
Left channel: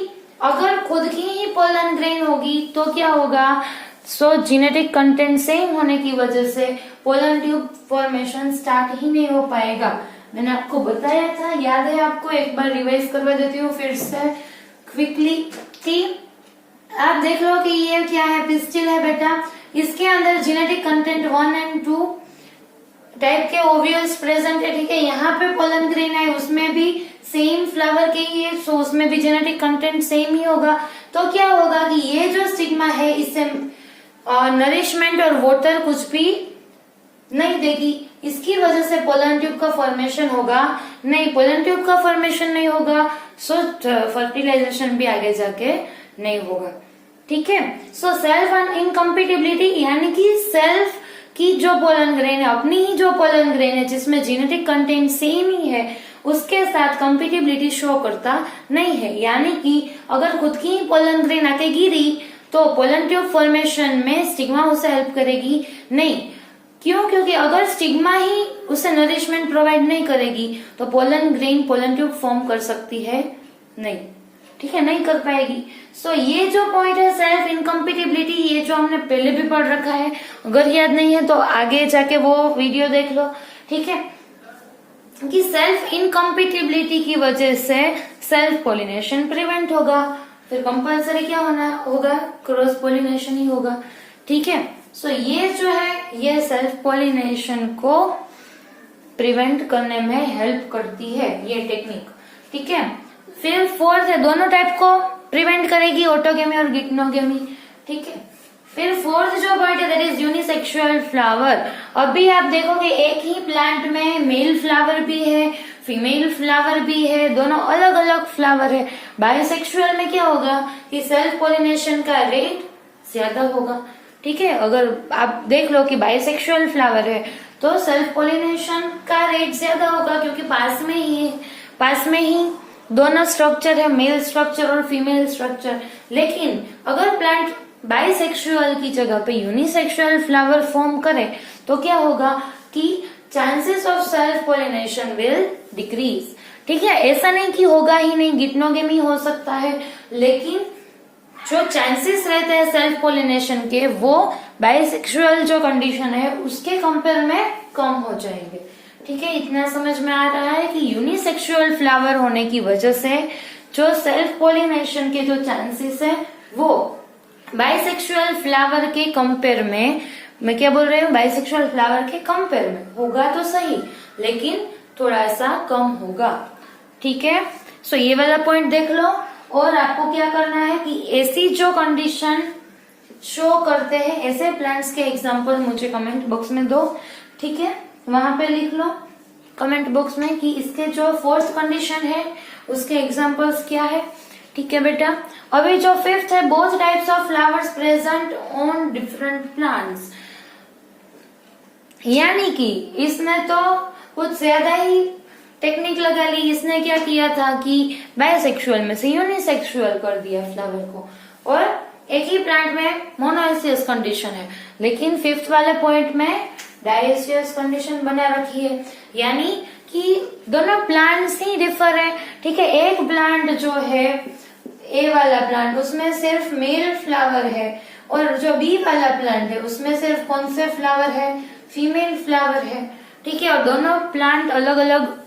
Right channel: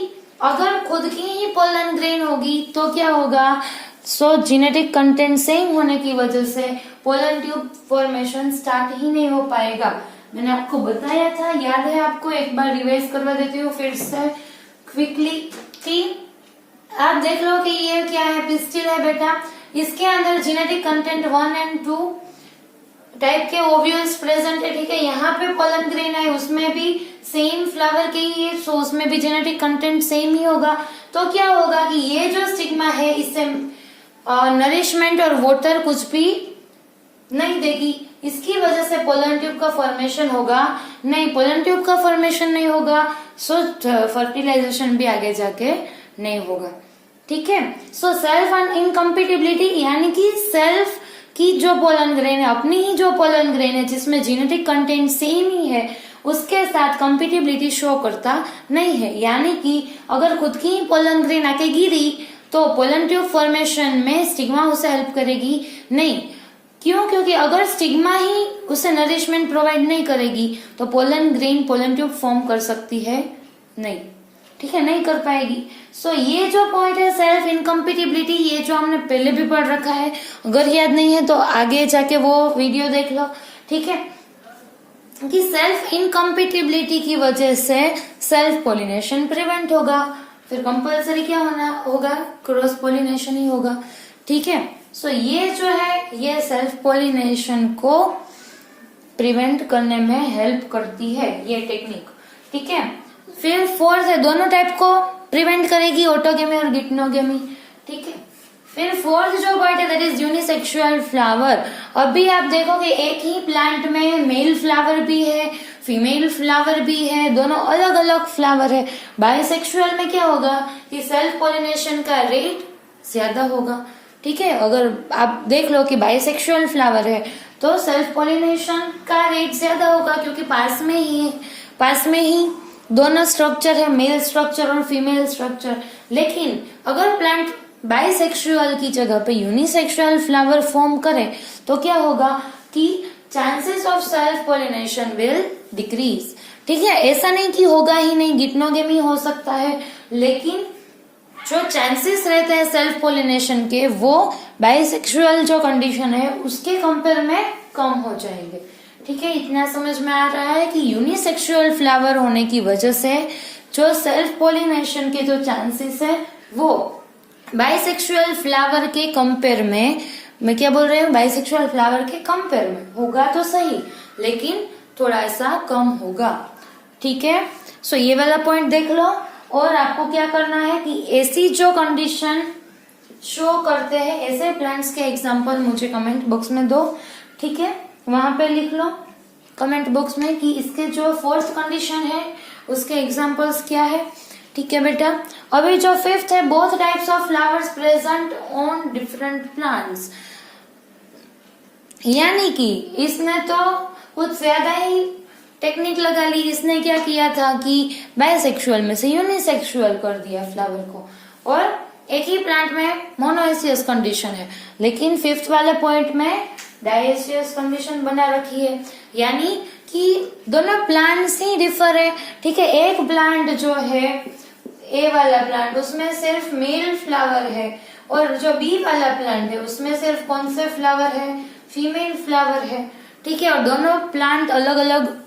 अगर खुद की ही पोलन ग्रेन होगी तो क्या होगा, सो जेनेटिक कंटेंट सेम होने की वजह से पोलन ट्यूब फॉर्मेशन स्टार्ट ही नहीं हो पाएगा। मैंने आपको बताया था, याद है आपको, एक बार रिवाइज करवा देती हूँ फिर से क्विकली कि आप देख लो कि ये क्या है, पिस्टिल है बेटा, इसके अंदर जेनेटिक कंटेंट 1 और 2 टाइप के ओव्यूल्स प्रेजेंट है, ठीक है। यहाँ पे पोलन ग्रेन है, उसमें भी सेम फ्लावर के ही है, सो उसमें भी जेनेटिक कंटेंट सेम ही होगा। तो क्या होगा कि ये जो स्टिग्मा है इससे नरिशमेंट और वाटर कुछ भी नहीं देगी, इसकी वजह से पोलन ट्यूब का फॉर्मेशन होगा नहीं, पोलन ट्यूब का फॉर्मेशन नहीं होगा, सो फर्टिलाइजेशन भी आगे जाके नहीं होगा, ठीक है। सो सेल्फ इनकम्पेटिबिलिटी यानी कि सेल्फ कि जो पोलन ग्रेन है, अपनी ही जो पोलन ग्रेन है जिसमें जेनेटिक कंटेंट सेम ही है, उसके साथ कंपेटिबिलिटी शो करता नहीं है। यानी कि अगर खुद की ही पोलन ग्रेन आके गिरी तो पोलन ट्यूब फॉर्मेशन में स्टिग्मा उसे हेल्प करेगी नहीं। क्यों? क्योंकि अगर स्टिग्मा ही उसे नरिशमेंट प्रोवाइड नहीं करेगी तो pollen grain pollen tube form कर सकती है नहीं, ठीक है, नहीं कर पाएगी। सो ये जो पॉइंट है सेल्फ इनकम्पेटिबिलिटी, ये जो हमने पहले भी पढ़ रखा है, अगर याद नहीं है तो आगे जाके वो वीडियो देख लो, ठीक है, कि सेल्फ इनकम्पेटिबिलिटी की वजह से सेल्फ पोलिनेशन प्रिवेंट होगा, फिर कंपल्सरी क्या होना होगा, क्रॉस पोलिनेशन ही होगा, ठीक है। सो ये जो है ये सेल्फ पोलिनेशन को प्रिवेंट करने में हेल्प करती है ये टेक्निक, ठीक है। फिर फोर्थ है, दोनों टाइप को प्रिवेंट करेगी, ऑटोगेमी और गिटनोगेमी, ठीक है। फिर फोर्थ जो पॉइंट है दैट इज यूनिसेक्सुअल फ्लावर। अभी आप देखोगे एक ही प्लांट में मेल फ्लावर भी है, फीमेल फ्लावर भी है, दोनों अलग अलग फ्लावर है। बायसेक्सुअल में क्या होगा कि सेल्फ पोलिनेशन का रेट ज्यादा होगा, ठीक है। अगर आप देख लो कि बायसेक्सुअल फ्लावर है तो सेल्फ पोलिनेशन का रेट ज्यादा होगा क्योंकि पास में ही दोनों स्ट्रक्चर है, मेल स्ट्रक्चर और फीमेल स्ट्रक्चर। लेकिन अगर प्लांट बाइसेक्सुअल की जगह पे यूनिसेक्सुअल फ्लावर फॉर्म करे तो क्या होगा कि chances of self pollination will decrease, ठीक है। ऐसा नहीं कि होगा ही नहीं, गिटनोगेमी हो सकता है, लेकिन जो चांसेस रहते हैं सेल्फ पोलिनेशन के वो बाइसेक्सुअल जो कंडीशन है उसके कंपेयर में कम हो जाएंगे, ठीक है। इतना समझ में आ रहा है कि यूनिसेक्सुअल फ्लावर होने की वजह से जो सेल्फ पोलिनेशन के जो चांसेस है वो बाइसेक्सुअल फ्लावर के कंपेयर में, मैं क्या बोल रही हूँ, बाइसेक्सुअल फ्लावर के कंपेयर में होगा तो सही लेकिन थोड़ा सा कम होगा, ठीक है। सो ये वाला पॉइंट देख लो। और आपको क्या करना है कि ऐसी जो कंडीशन शो करते हैं ऐसे प्लांट्स के एग्जांपल मुझे कमेंट बॉक्स में दो, ठीक है, वहां पे लिख लो कमेंट बॉक्स में कि इसके जो फोर्थ कंडीशन है उसके एग्जांपल्स क्या है, ठीक है बेटा। अभी जो फिफ्थ है, both types of flowers present on different plants, यानी कि इसने तो कुछ ज्यादा ही टेक्निक लगा ली। इसने क्या किया था कि बायसेक्सुअल में से यूनिसेक्सुअल कर दिया फ्लावर को, और एक ही प्लांट में मोनोएसियस कंडीशन है, लेकिन फिफ्थ वाले पॉइंट में डायएसियस कंडीशन बना रखी है, यानी कि दोनों प्लांट्स ही डिफर है, ठीक है। एक प्लांट जो है ए वाला प्लांट उसमें सिर्फ मेल फ्लावर है, और जो बी वाला प्लांट है उसमें सिर्फ कौन से फ्लावर है, फीमेल फ्लावर है, ठीक है। और दोनों प्लांट अलग अलग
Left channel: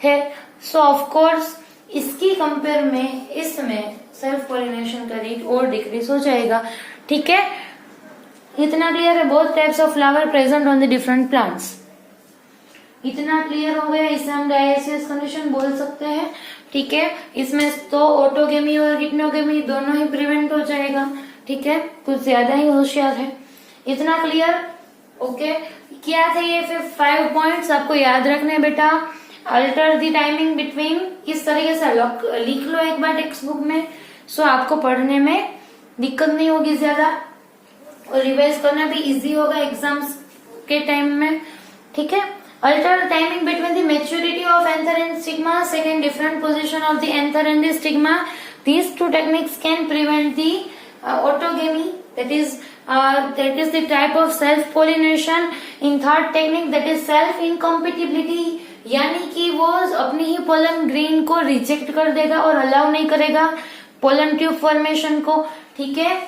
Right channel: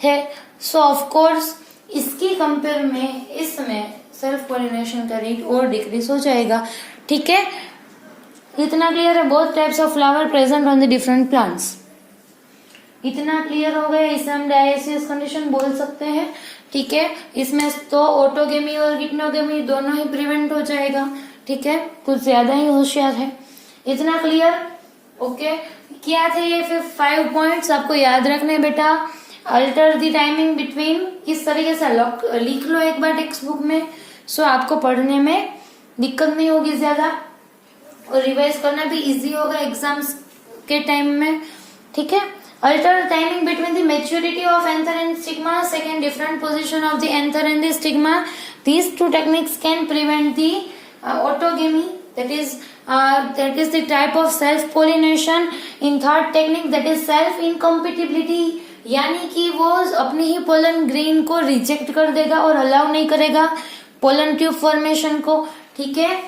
है। सो ऑफ कोर्स इसकी कंपेयर में इसमें सेल्फ पोलिनेशन का रेट और डिक्रीज हो जाएगा, ठीक है। इतना क्लियर है? Both types of flower present on the different plants, इतना क्लियर हो गया। इसे हम डायएसियस कंडीशन बोल सकते हैं, ठीक है। इसमें तो ऑटोगेमी और गिटनोगेमी दोनों ही प्रिवेंट हो जाएगा, ठीक है, कुछ ज्यादा ही होशियार है। इतना क्लियर? ओके। क्या थे ये फिर 5 पॉइंट्स आपको याद रखने बेटा। अल्टर द टाइमिंग बिटवीन, किस तरीके से लिख लो एक बार टेक्स्ट बुक में, सो आपको पढ़ने में दिक्कत नहीं होगी ज्यादा, और रिवाइज करना भी इजी होगा एग्जाम्स के टाइम में, ठीक है। Alter timing between the maturity of anther and stigma, second different position of the anther and the stigma, these two techniques can prevent the autogamy, that is the type of self pollination. in third technique that is self incompatibility, यानी कि वो अपनी ही pollen grain को reject कर देगा और allow नहीं करेगा पोलन ट्यूब फॉर्मेशन को, ठीक है।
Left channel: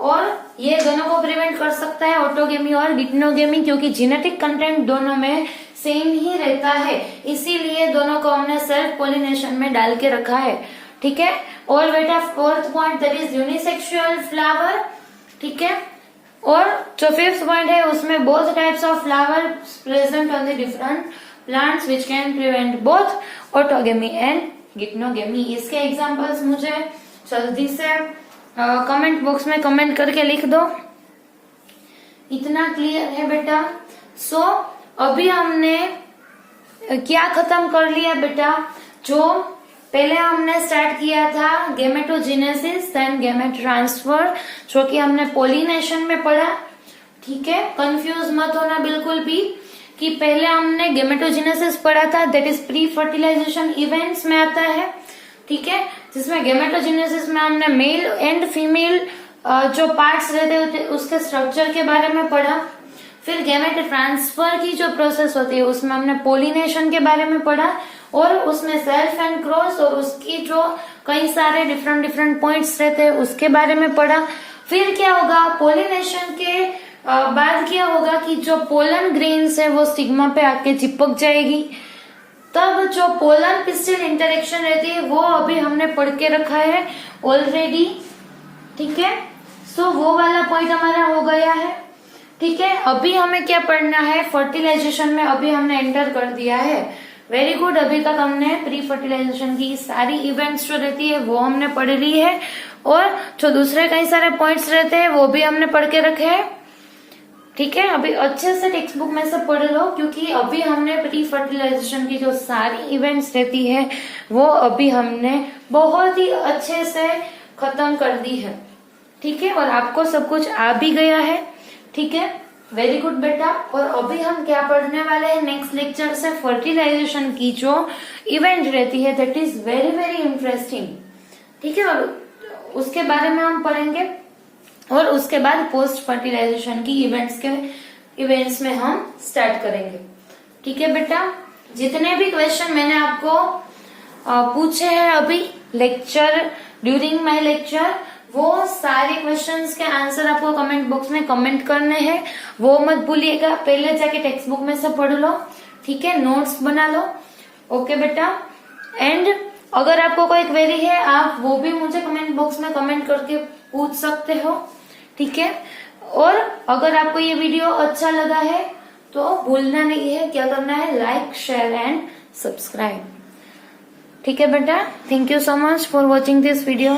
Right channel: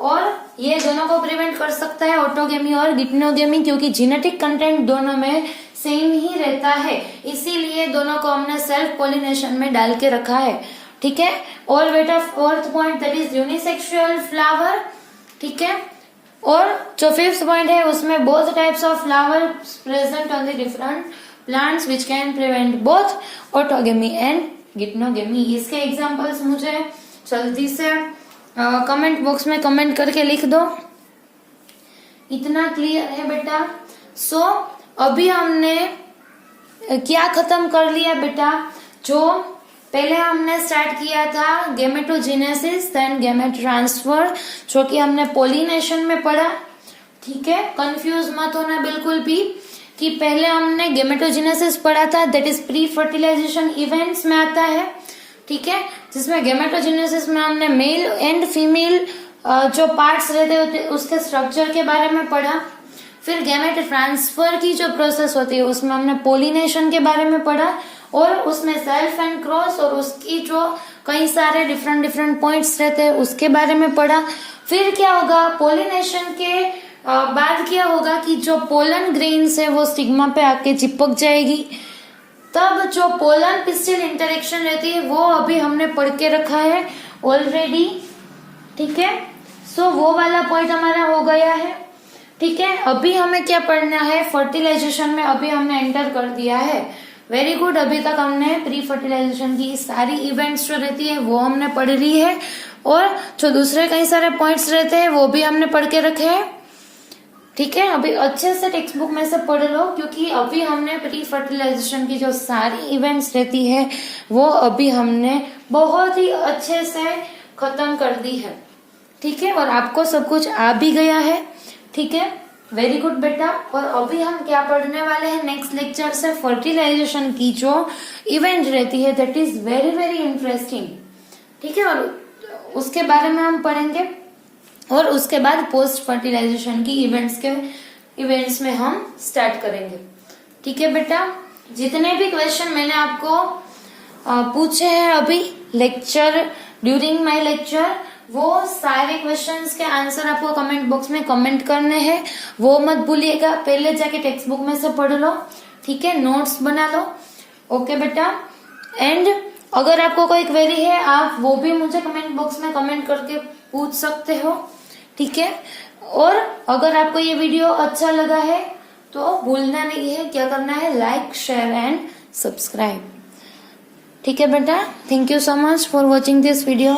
और ये दोनों को प्रिवेंट कर सकता है ऑटोगेमी और गिटनोगेमी, क्योंकि जेनेटिक कंटेंट दोनों में सेम ही रहता है, इसीलिए दोनों को हमने सेल्फ पोलिनेशन में डाल के रखा है, ठीक है। और बेटा fourth point that is unisexual flower, ठीक है। और जो फिफ्थ पॉइंट है उसमें both types of flower present on the different plants which can prevent both autogamy and geitonogamy. इसके एग्जांपल्स मुझे जल्दी से कमेंट बॉक्स में कमेंट करके लिख दो। इतना क्लियर है बेटा? सो अभी हमने क्या खत्म कर लिया बेटा, जो पहले हमने स्टार्ट किया था गेमेटोजेनेसिस देन गेमेट ट्रांसफर, जो कि हमने पोलिनेशन में पढ़ा, ठीक है, कंफ्यूज मत होना बिल्कुल भी कि पहले हमने गेमेटोजेनेसिस पढ़ा था, that is pre fertilisation events में आता है। ठीक है, जिसमें गेमेटोजेनेसिस में हमने मेल एंड फीमेल जो पार्ट्स रहते होते उसके स्ट्रक्चर के बारे में पढ़ा। फिर गैमेट ट्रांसफर की जो प्रोसेस होती है उसमें हमने पोलिनेशन के बारे में पढ़ा, और उसमें सेल्फ एंड क्रॉस और उसकी जो कई सारे डिफरेंट पॉइंट्स रहते हैं उसके बारे में पढ़ा। फिर क्या होगा, पोलिनेशन के बाद क्या होगा कि जो पोलन ग्रेन्स है वो स्टिग्मा पे आके चिपक जाएगी, तब जो पोलन पिस्टिल इंटरेक्शन रहती है वो अभी हमने पढ़ के रखा है ऑलरेडी। ठीक है, सो वो वाला पॉइंट हमारा हो गया है। ठीक है, अभी हमें क्या पढ़ना है, फर्टिलाइजेशन में अभी हमने एंटर कर दिया है। वेरी गुड, अभी तक हमने प्री फर्टिलाइजेशन की सारी इवेंट्स जो रहती है वो हमने पढ़ ली है, और जो दूसरे कई सारे पॉइंट्स रहते हैं वो भी हमने पढ़ के रखे हैं। ठीक है, अभी अच्छे से टेक्स्ट बुक में से पढ़ लो, क्योंकि अभी हमने प्री फर्टिलाइजेशन की जो सारी इवेंट्स रहती है वो अभी हमने बहुत ही अच्छे से खत्म कर दी है। ठीक है, और आपको सब कुछ आ भी गया है। ठीक है, वेरी गुड बेटा। और अभी हम क्या पढ़ने वाले हैं नेक्स्ट लेक्चर से, फर्टिलाइजेशन की जो इवेंट रहती है that is very very interesting. ठीक है, और उसके बारे में हम पढ़ेंगे, और उसके बाद पोस्ट फर्टिलाइजेशन की इवेंट्स में हम स्टार्ट करेंगे। ठीक है बेटा, जितने भी क्वेश्चन मैंने आपको पूछे हैं अभी ड्यूरिंग माय लेक्चर, वो सारे क्वेश्चंस के आंसर आपको कमेंट बॉक्स में कमेंट करने हैं, वो मत भूलिएगा। पहले जाके टेक्स्ट बुक में से पढ़ लो, ठीक है, नोट्स बना लो। ओके बेटा, एंड अगर आपको कोई क्वेरी है आप वो भी मुझे कमेंट बॉक्स में कमेंट करके पूछ सकते हो। ठीक है, और अगर आपको ये वीडियो अच्छा लगा है तो भूलना नहीं है, क्या करना है, लाइक शेयर एंड सब्सक्राइब। ठीक है बेटा, thank you so much for watching this video.